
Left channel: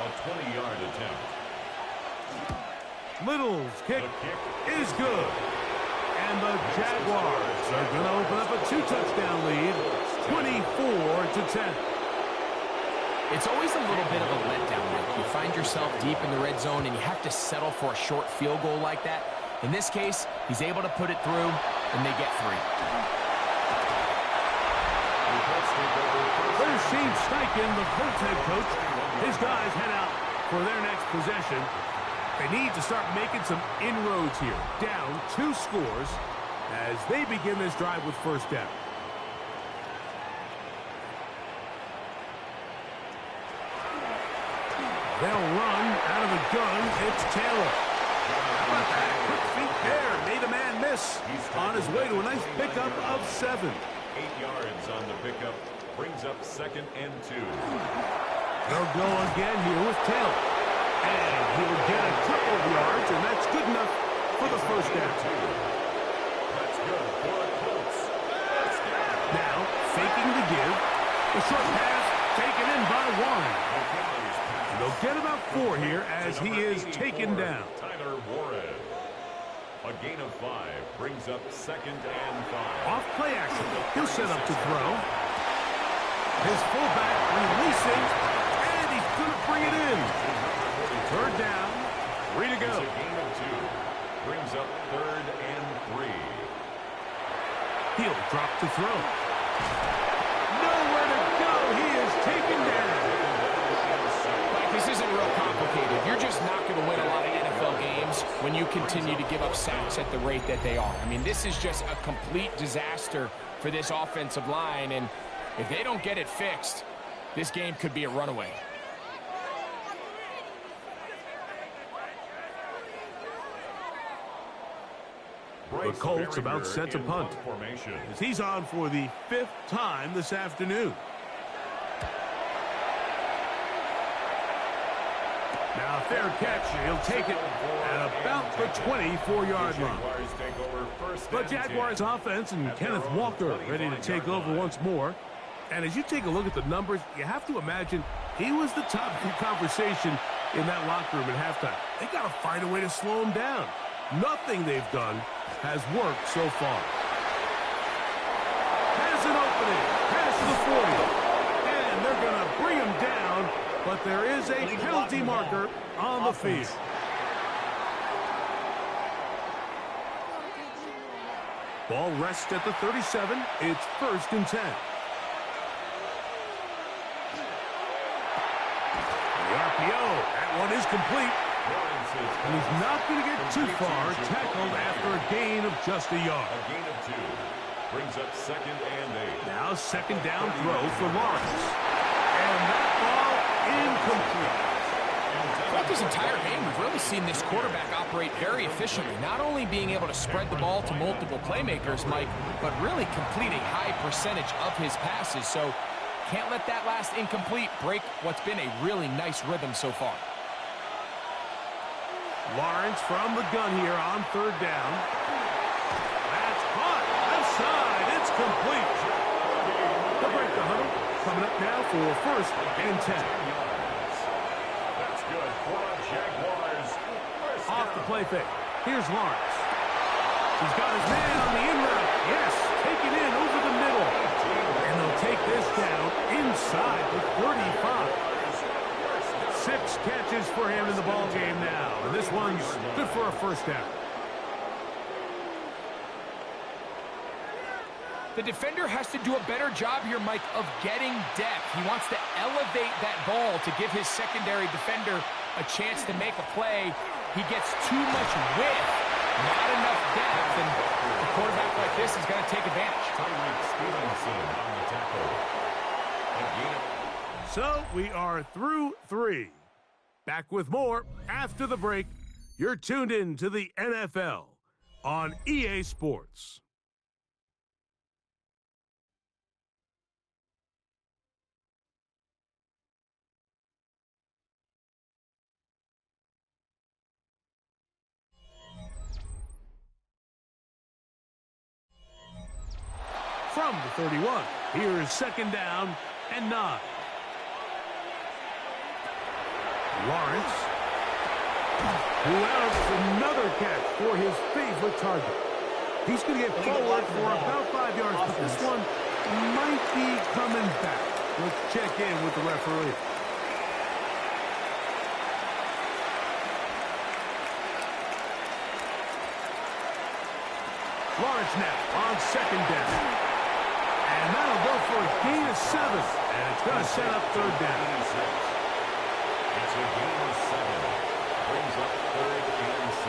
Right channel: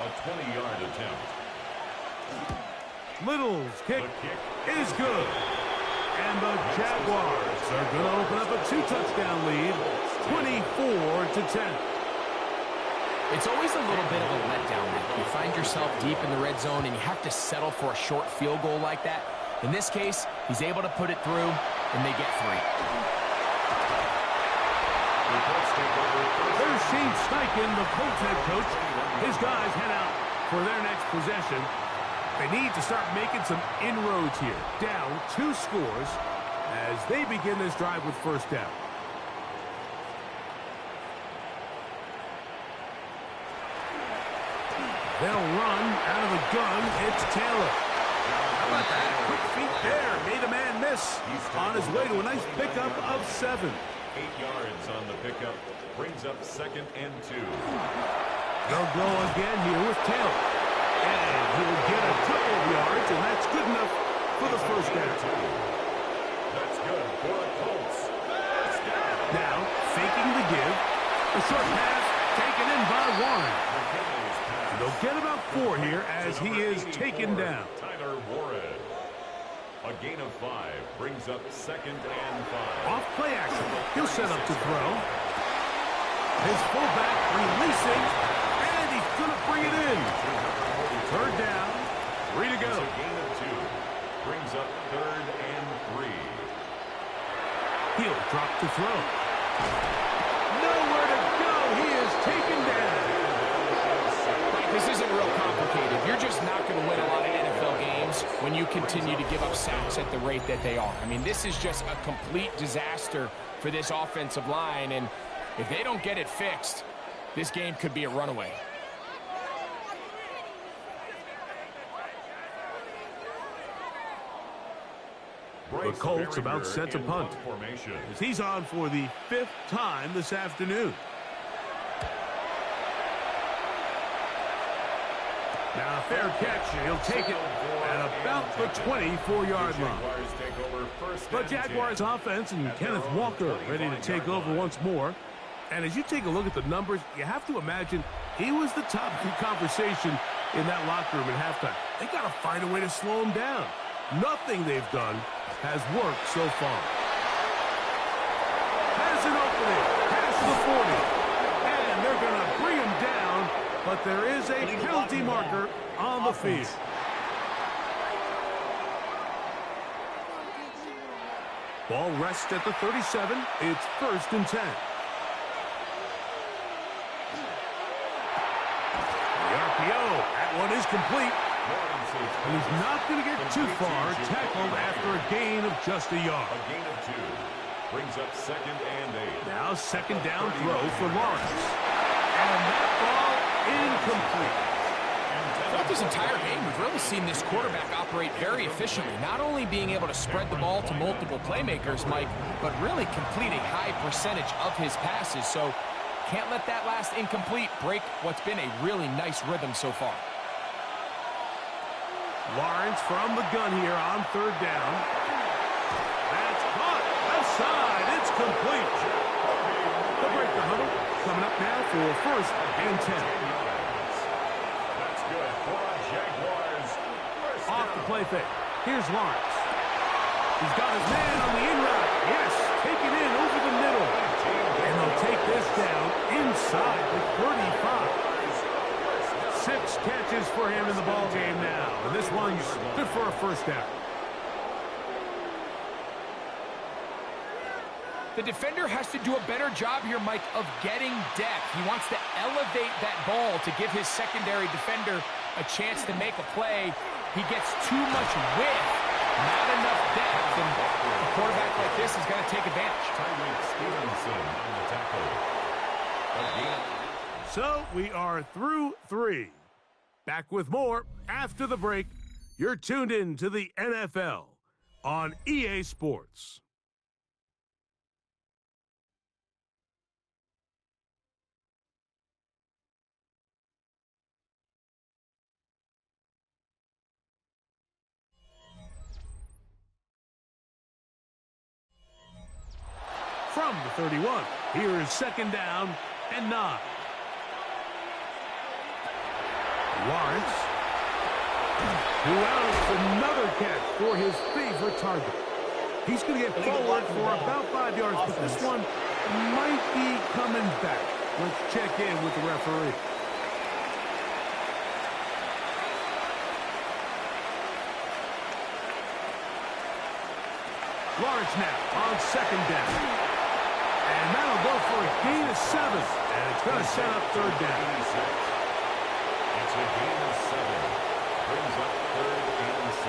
A 20-yard attempt. Little's kick is good. And the Jaguars are going to open up a 2-touchdown lead, 24-10. It's always a little bit of a letdown. Like you find yourself deep in the red zone and you have to settle for a short field goal like that. In this case, he's able to put it through, and they get 3. There's Shane Steichen, the Colts head coach. His guys head out for their next possession. They need to start making some inroads here. Down 2 scores as they begin this drive with 1st down. They'll run out of the gun. It's Taylor. How about that? Quick feet there. Made a man miss. On his way to a nice pickup of 7. 8 yards on the pickup. Brings up 2nd and 2. They'll go again here with Taylor. And he'll get a couple of yards, and that's good enough for the 1st down. That's good for the Colts. 1st down. Now, faking the give. The short pass taken in by Warren. They'll get about 4 here as he is taken down. Tyler Warren. A gain of 5 brings up 2nd and 5. Off play action. He'll set up to throw. His fullback releasing, and he's going to bring it in. 3rd down, 3 to go. It's a gain of 2. Brings up 3rd and 3. He'll drop to throw. Nowhere to go. He is taken down. This isn't real complicated. You're just not going to win a lot of NFL games when you continue to give up sacks at the rate that they are. I mean, this is just a complete disaster for this offensive line, and if they don't get it fixed, this game could be a runaway. The Colts about set to punt, as he's on for the 5th time this afternoon. Now a fair catch. He'll take it at about the 24-yard line. But Jaguars offense and Kenneth Walker ready to take over once more. And as you take a look at the numbers, you have to imagine he was the topic of conversation in that locker room at halftime. They got to find a way to slow him down. Nothing they've done has worked so far. Has an opening. Past the 40. And they're going to bring him down. But there is a penalty marker on the field. Ball rests at the 37. It's 1st and 10. The RPO. That one is complete. And he's not going to get too far. Tackled after a gain of just a yard. A gain of 2. Brings up 2nd and 8. Now 2nd down throw for Lawrence. And that ball incomplete. Throughout this entire game, we've really seen this quarterback operate very efficiently, not only being able to spread the ball to multiple playmakers, Mike, but really complete a high percentage of his passes. So can't let that last incomplete break what's been a really nice rhythm so far. Lawrence from the gun here on 3rd down. That's caught. Left side. It's complete. They'll break the huddle. Coming up now for 1st and 10. That's good for a Jaguars. Off the play fake. Here's Lawrence. He's got his man on the in route. Yes, take it in over the middle. And they'll take this down inside the 35. 6 catches for him in the ball game now. And this one's good for a 1st down. The defender has to do a better job here, Mike, of getting depth. He wants to elevate that ball to give his secondary defender a chance to make a play. He gets too much width, not enough depth, and a quarterback like this is going to take advantage. Tyreek Stevenson on the tackle. Again. So we are through 3. Back with more after the break. You're tuned in to the NFL on EA Sports. From the 31, here is 2nd down and 9. Lawrence, who else another catch for his favorite target. He's going to get forward for about 5 yards, but this one might be coming back. Let's check in with the referee. Lawrence now on 2nd down. And that'll go for a gain of 7. And it's going to set up 3rd down. It's a gain of 7. Brings up 3rd and 6.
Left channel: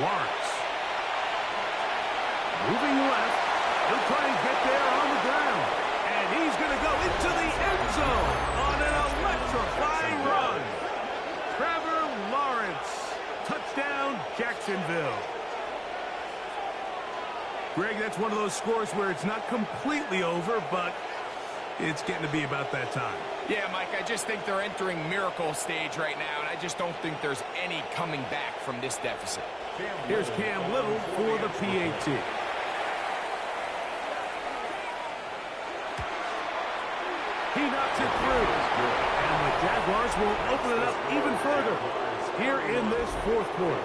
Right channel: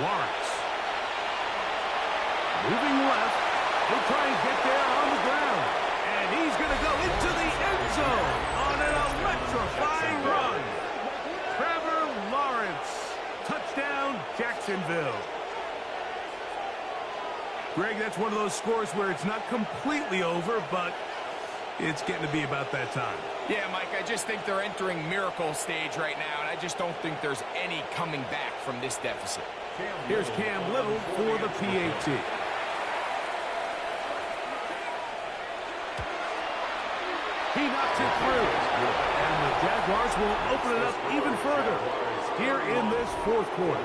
Lawrence. Moving left. He'll try and get there on the ground. And he's going to go into the end zone on an electrifying run. Trevor Lawrence. Touchdown, Jacksonville. Greg, that's one of those scores where it's not completely over, but it's getting to be about that time. Yeah, Mike, I just think they're entering miracle stage right now, and I just don't think there's any coming back from this deficit. Here's Cam Little for the PAT. He knocks it through. And the Jaguars will open it up even further here in this 4th quarter.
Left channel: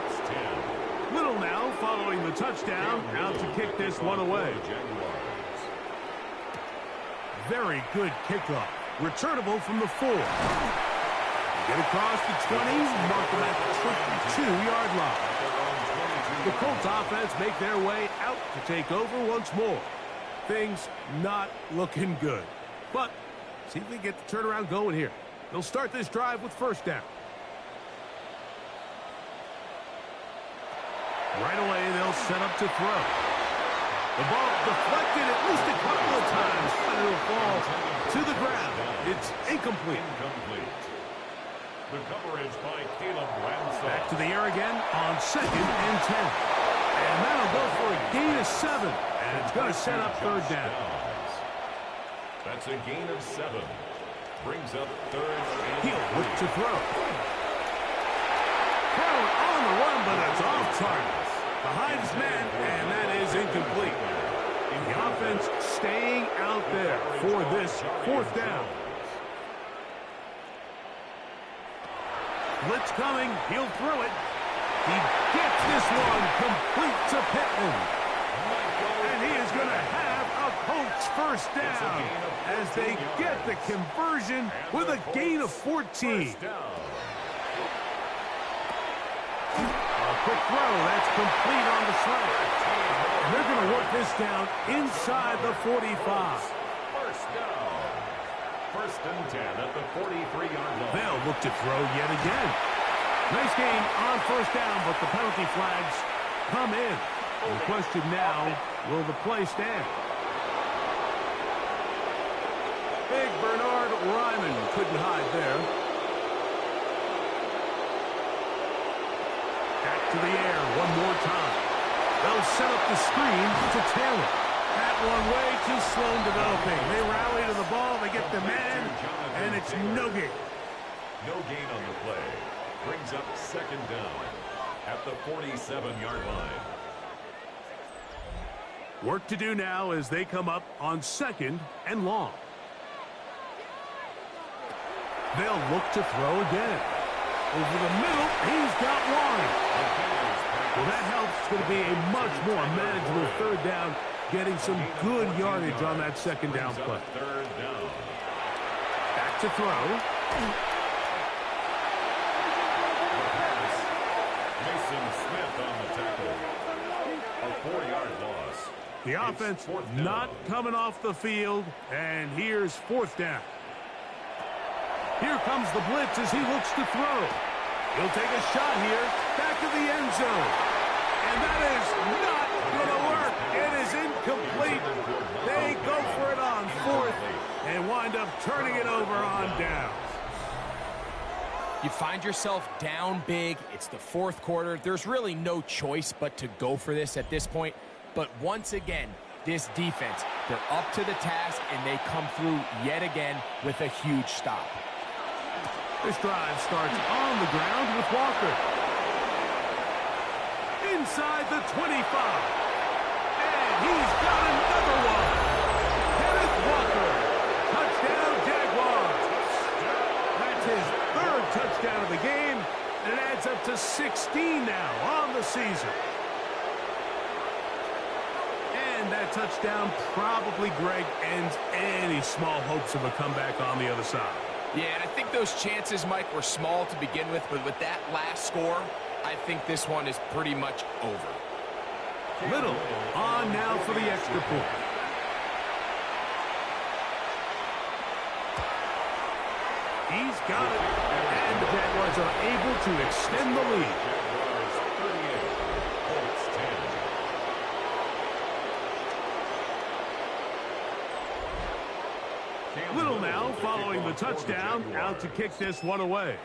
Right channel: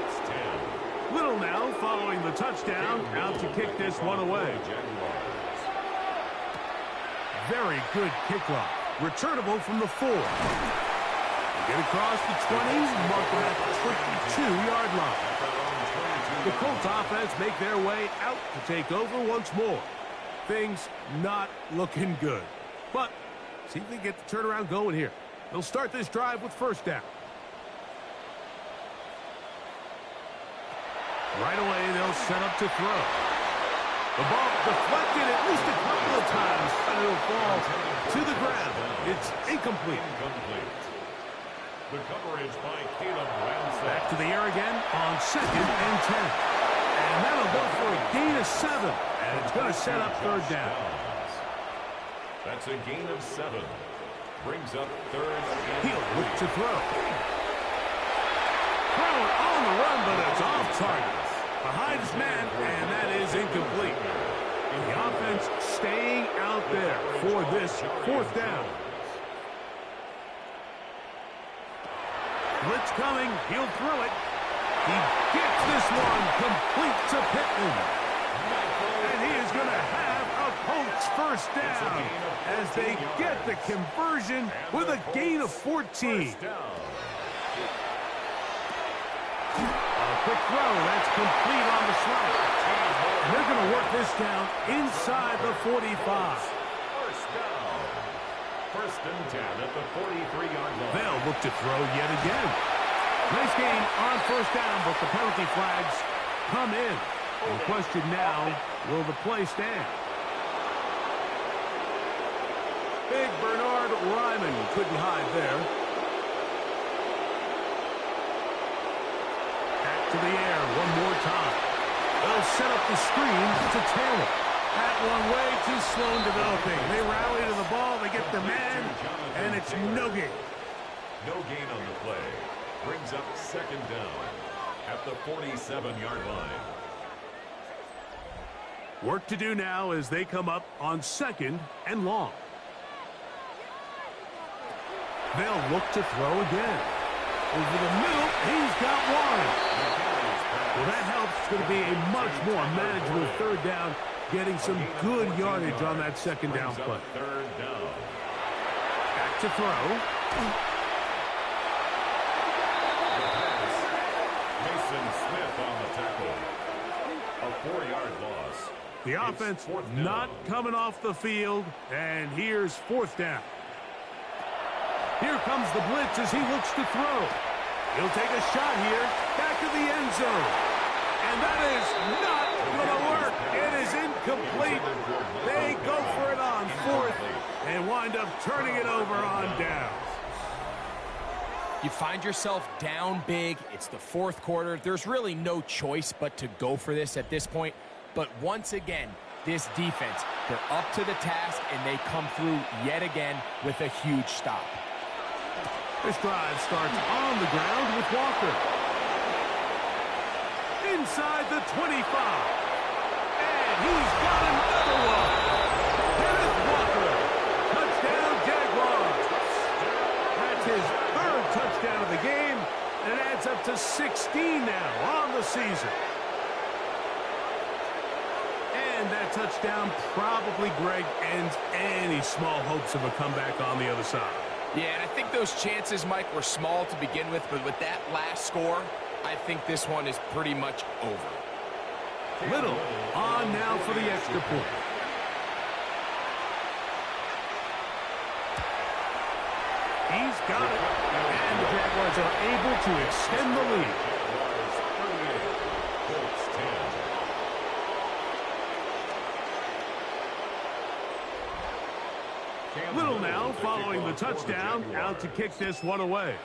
Little now following the touchdown, out to kick this one away. Very good kickoff. Returnable from the 4. They get across the 20, mark them at the 22-yard line. The Colts offense make their way out to take over once more. Things not looking good. But see if they get the turnaround going here. They'll start this drive with 1st down. Right away, they'll set up to throw. The ball deflected at least a couple of times, and it'll fall to the ground. It's incomplete. The coverage by Caleb Ransom. Back to the air again on 2nd and 10. And that'll go for a gain of 7. And it's going to set up 3rd down. That's a gain of 7. Brings up 3rd and He'll look to throw. Throw it on the run, but it's off target. Behind his man, and that is incomplete. The offense staying out there for this 4th down. Blitz coming. He'll throw it. He gets this one complete to Pittman. And he is going to have a Colts 1st down as they get the conversion with a gain of 14. A quick throw. That's complete on the slant. And they're going to work this down inside the 45. 1st down. 1st and 10 at the 43-yard line. They'll look to throw yet again. Nice gain on 1st down, but the penalty flags come in. The question now, will the play stand? Big Bernard Ryman couldn't hide there. Back to the air one more time. They'll set up the screen to Taylor. That one way too slow in developing. They rally to the ball, they get the man, and it's no gain. No gain on the play. Brings up 2nd down at the 47-yard line. Work to do now as they come up on 2nd and long. They'll look to throw again. Over the middle, he's got one. Well, that helps. It's going to be a much more manageable 3rd down, getting some good yardage on that 2nd down play. 3rd down. Back to throw. Mason Smith on the tackle. A 4-yard loss. The offense not coming off the field, and here's 4th down. Here comes the blitz as he looks to throw. He'll take a shot here, back of the end zone. And that is not going to work. It is incomplete. They go for it on 4th and wind up turning it over on downs. You find yourself down big. It's the 4th quarter. There's really no choice but to go for this at this point. But once again, this defense, they're up to the task, and they come through yet again with a huge stop. This drive starts on the ground with Walker. Inside the 25. And he's got another one. Kenneth Walker. Touchdown, Jaguars. That's his 3rd touchdown of the game, and it adds up to 16 now on the season. And that touchdown probably, Greg, ends any small hopes of a comeback on the other side. Yeah, and I think those chances, Mike, were small to begin with, but with that last score, I think this one is pretty much over. Little on now for the extra point. He's got it, and the Jaguars are able to extend the lead. Jaguars 38, Colts 10. Little now following the touchdown, out to kick this one away.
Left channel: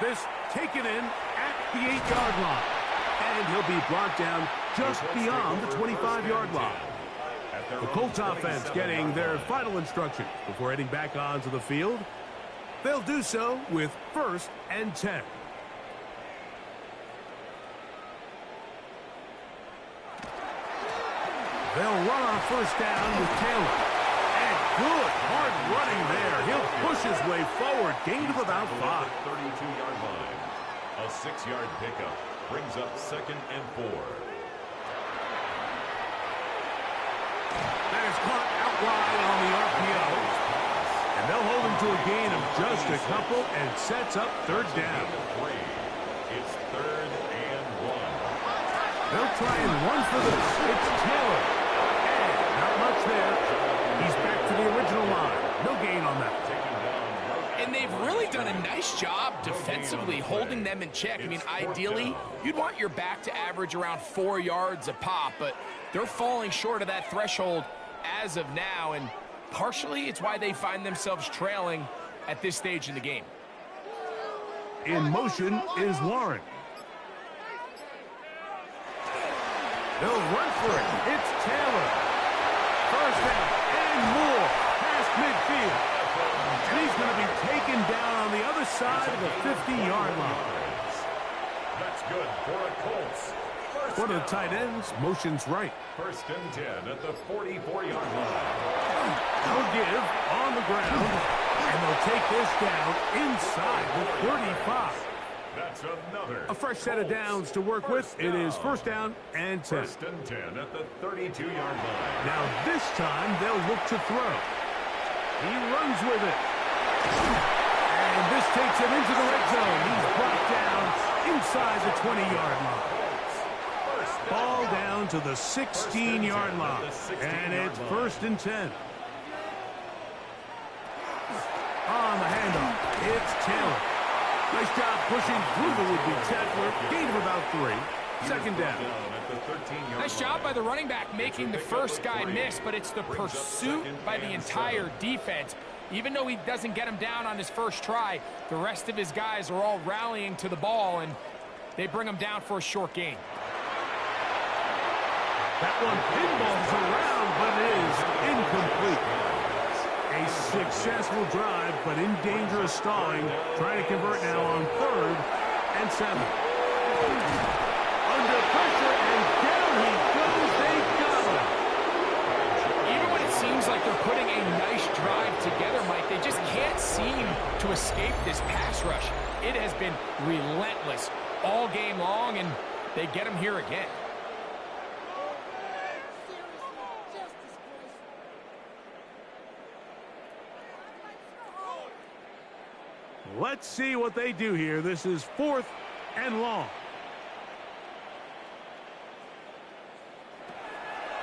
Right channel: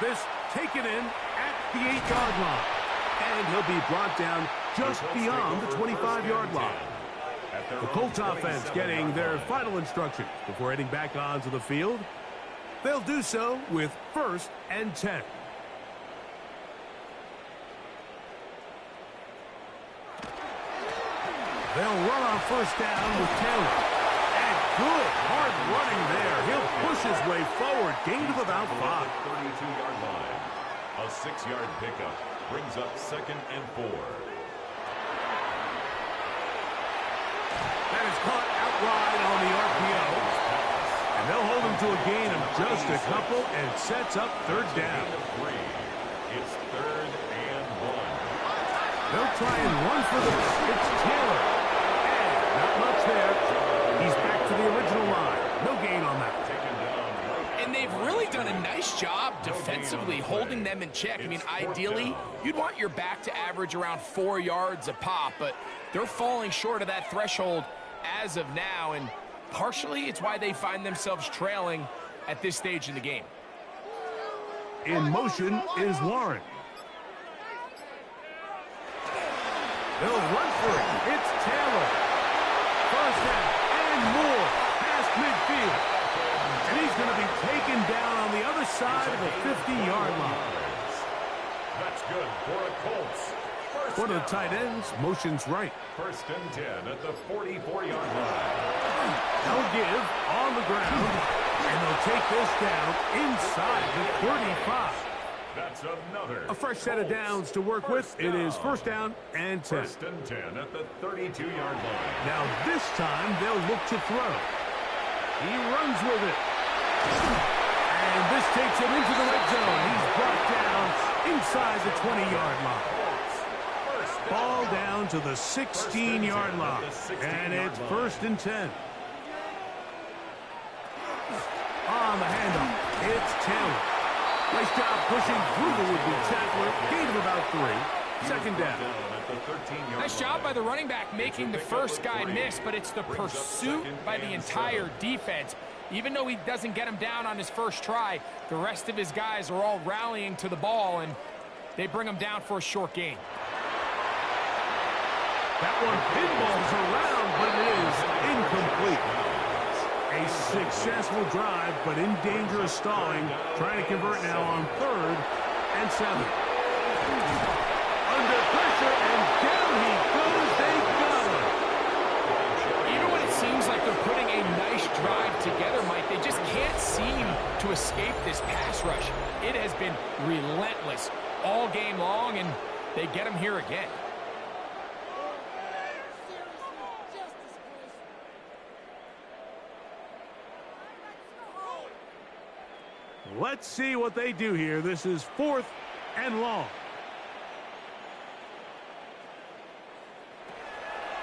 This taken in at the 8-yard line. And he'll be brought down just beyond the 25-yard line. The Colts offense getting their final instructions before heading back onto the field. They'll do so with 1st and 10. They'll run on 1st down with Taylor. And good hard running there. He'll push his way forward. Gain of about 5. 32-yard line. A 6-yard pickup brings up 2nd and 4. That is caught outright on the RPO. And they'll hold him to a gain of just a couple and sets up 3rd down. It's 3rd and 1. They'll try and run for this. It's Taylor. And not much there. He's back to the original line. No gain on that. And they've really done a nice job defensively holding them in check. I mean, ideally, you'd want your back to average around 4 yards a pop, but they're falling short of that threshold as of now, and partially it's why they find themselves trailing at this stage in the game. In motion is Warren. They'll run for it. It's Taylor. First down and more past midfield. And he's going to be taken down on the other side of the 50-yard line. That's good for a Colts. One of the tight ends motions right. 1st and 10 at the 44-yard line. They'll give on the ground, and they'll take this down inside the 35. That's another. A fresh set of downs to work with. It is 1st down and 10. 1st and 10 at the 32-yard line. Now this time they'll look to throw. He runs with it. And this takes him into the red zone. He's brought down inside the 20-yard line. Ball down to the 16-yard line. And it's 1st and 10. On the handoff, it's Taylor. Nice job pushing through the would-be tackler. Gain of about 3. 2nd down. Nice job by the running back making the first guy miss, but it's the pursuit by the entire defense. Even though he doesn't get him down on his first try, the rest of his guys are all rallying to the ball, and they bring him down for a short gain. That one pinballs around, but it is incomplete. A successful drive, but in danger of stalling. Trying to convert now on 3rd and 7. Under pressure, and down he goes. They got him. Even when it seems like they're putting a nice drive together, Mike, they just can't seem to escape this pass rush. It has been relentless all game long, and they get him here again. Let's see what they do here. This is 4th and long.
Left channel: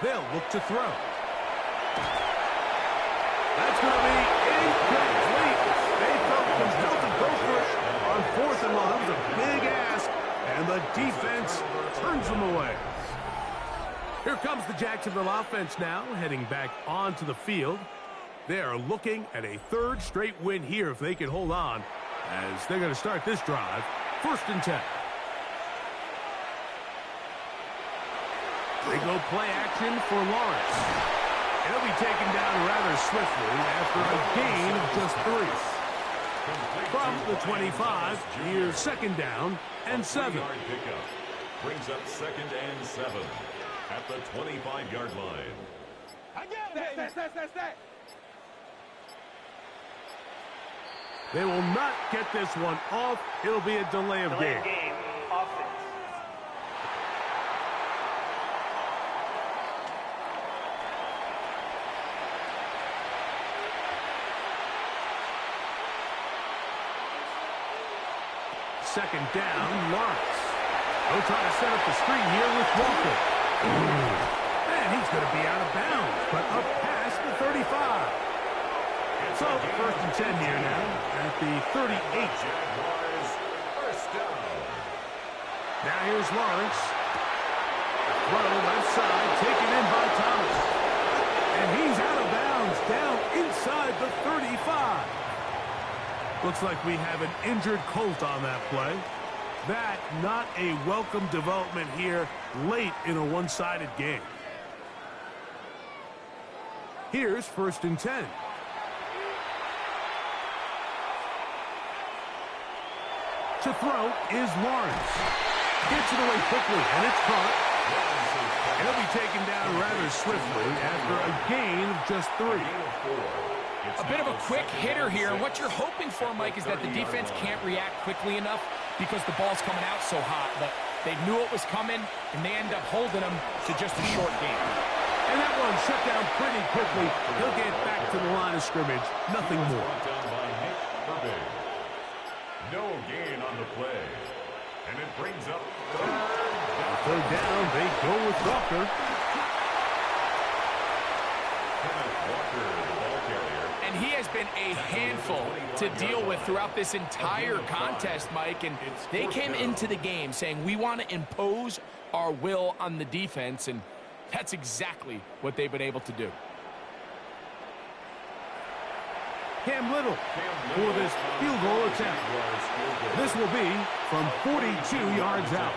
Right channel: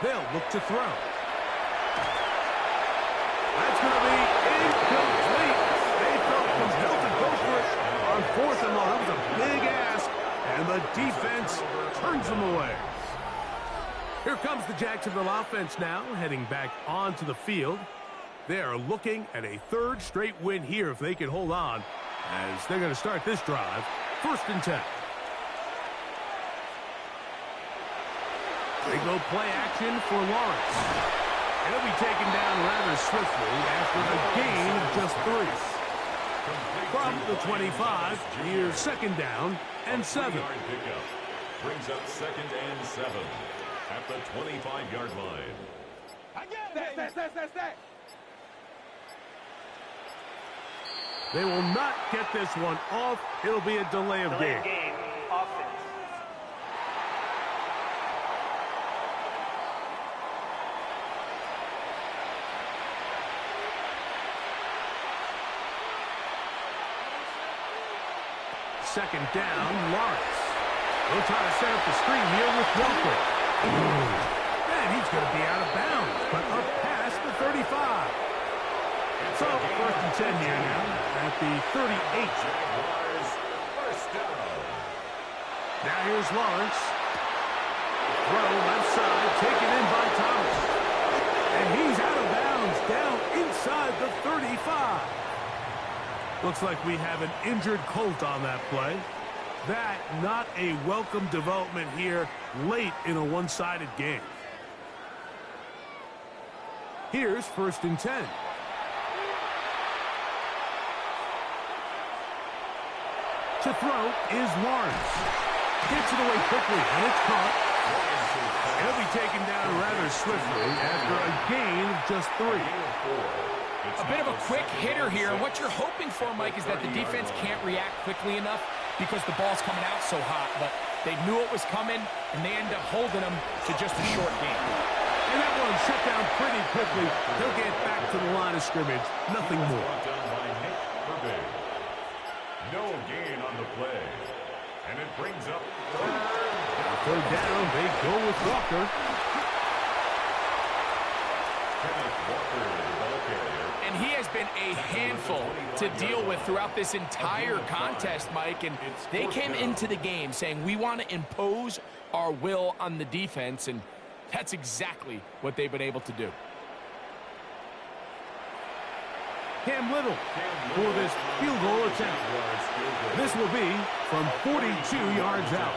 They'll look to throw. That's going to be incomplete. They felt compelled to go for it on 4th and long. That was a big ask, and the defense turns them away. Here comes the Jacksonville offense now, heading back onto the field. They are looking at a 3rd straight win here if they can hold on, as they're going to start this drive. 1st and 10. They go play action for Lawrence. And he'll be taken down rather swiftly after a gain of just 3. From the 25, here's 2nd down and 7. Pickup brings up 2nd and 7 at the 25-yard line. They will not get this one off. It'll be a delay of game. Offense. Second down, Lawrence. They'll try to set up the screen here with Walker. And he's going to be out of bounds, but up past the 35. So, 1st and 10 here now at the 38. Jaguars, 1st down. Now here's Lawrence. Throw left side, taken in by Thomas. And he's out of bounds, down inside the 35. Looks like we have an injured Colt on that play. That not a welcome development here late in a one-sided game. Here's 1st and 10. To throw is Lawrence. Gets it away quickly, and it's caught. And he'll be taken down rather swiftly after a gain of just 3. A bit of a quick hitter here. What you're hoping for, Mike, is that the defense can't react quickly enough because the ball's coming out so hot. But they knew it was coming, and they end up holding them to just a short game. And that one shut down pretty quickly. He'll get back to the line of scrimmage. Nothing more. Brought down by Nick Herbig. No gain on the play. And it brings up 3rd down. 3rd down, they go with Walker. Kenneth Walker, the ball carrier. And he has been a handful to deal with throughout this entire contest, Mike. And they came into the game saying, we want to impose our will on the defense. And that's exactly what they've been able to do. Cam Little for this field goal attempt. This will be from 42 yards out.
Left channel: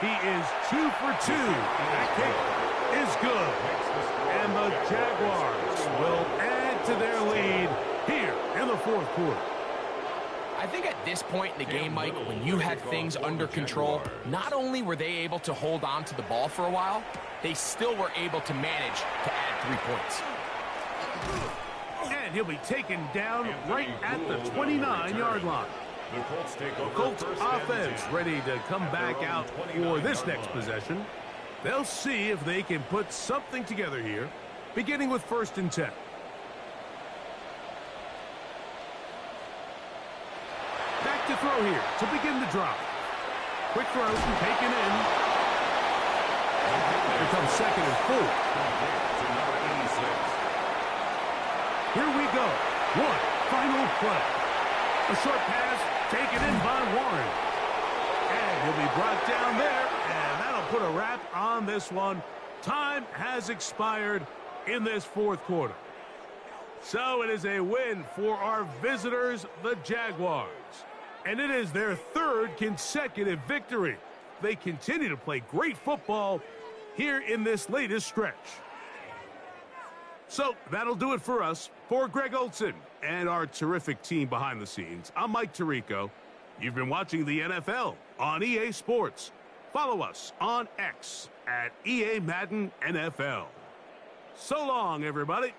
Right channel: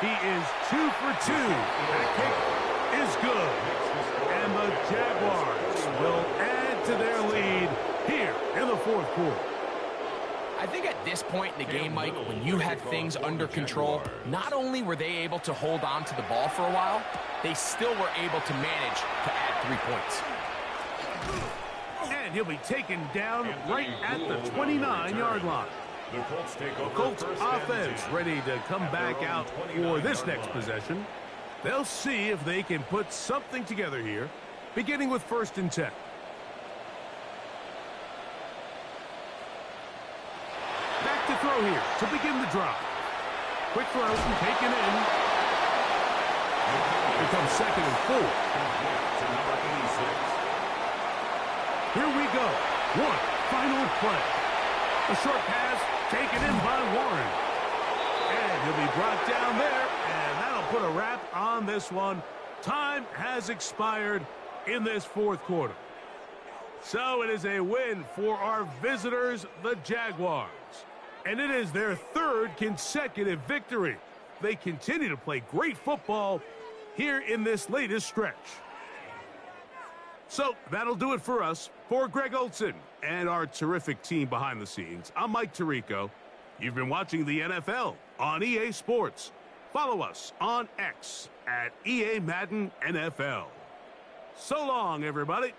He is 2 for 2. That kick is good. And the Jaguars will add to their lead here in the fourth quarter. I think at this point in the game, Mike, when you had things under control, not only were they able to hold on to the ball for a while, they still were able to manage to add 3 points. And he'll be taken down right at the 29-yard line. The Colts offense ready to come back out for this next possession. They'll see if they can put something together here, beginning with 1st and 10. Back to throw here to begin the drive. Quick throw and taken in. Here comes 2nd and 4. Here we go. One final play. A short pass taken in by Warren. And he'll be brought down there, and that'll put a wrap on this one. Time has expired in this fourth quarter. So it is a win for our visitors, the Jaguars. And it is their 3rd consecutive victory. They continue to play great football here in this latest stretch. So that'll do it for us. For Greg Olson and our terrific team behind the scenes, I'm Mike Tirico. You've been watching the NFL on EA Sports. Follow us on X at EA Madden NFL. So long, everybody.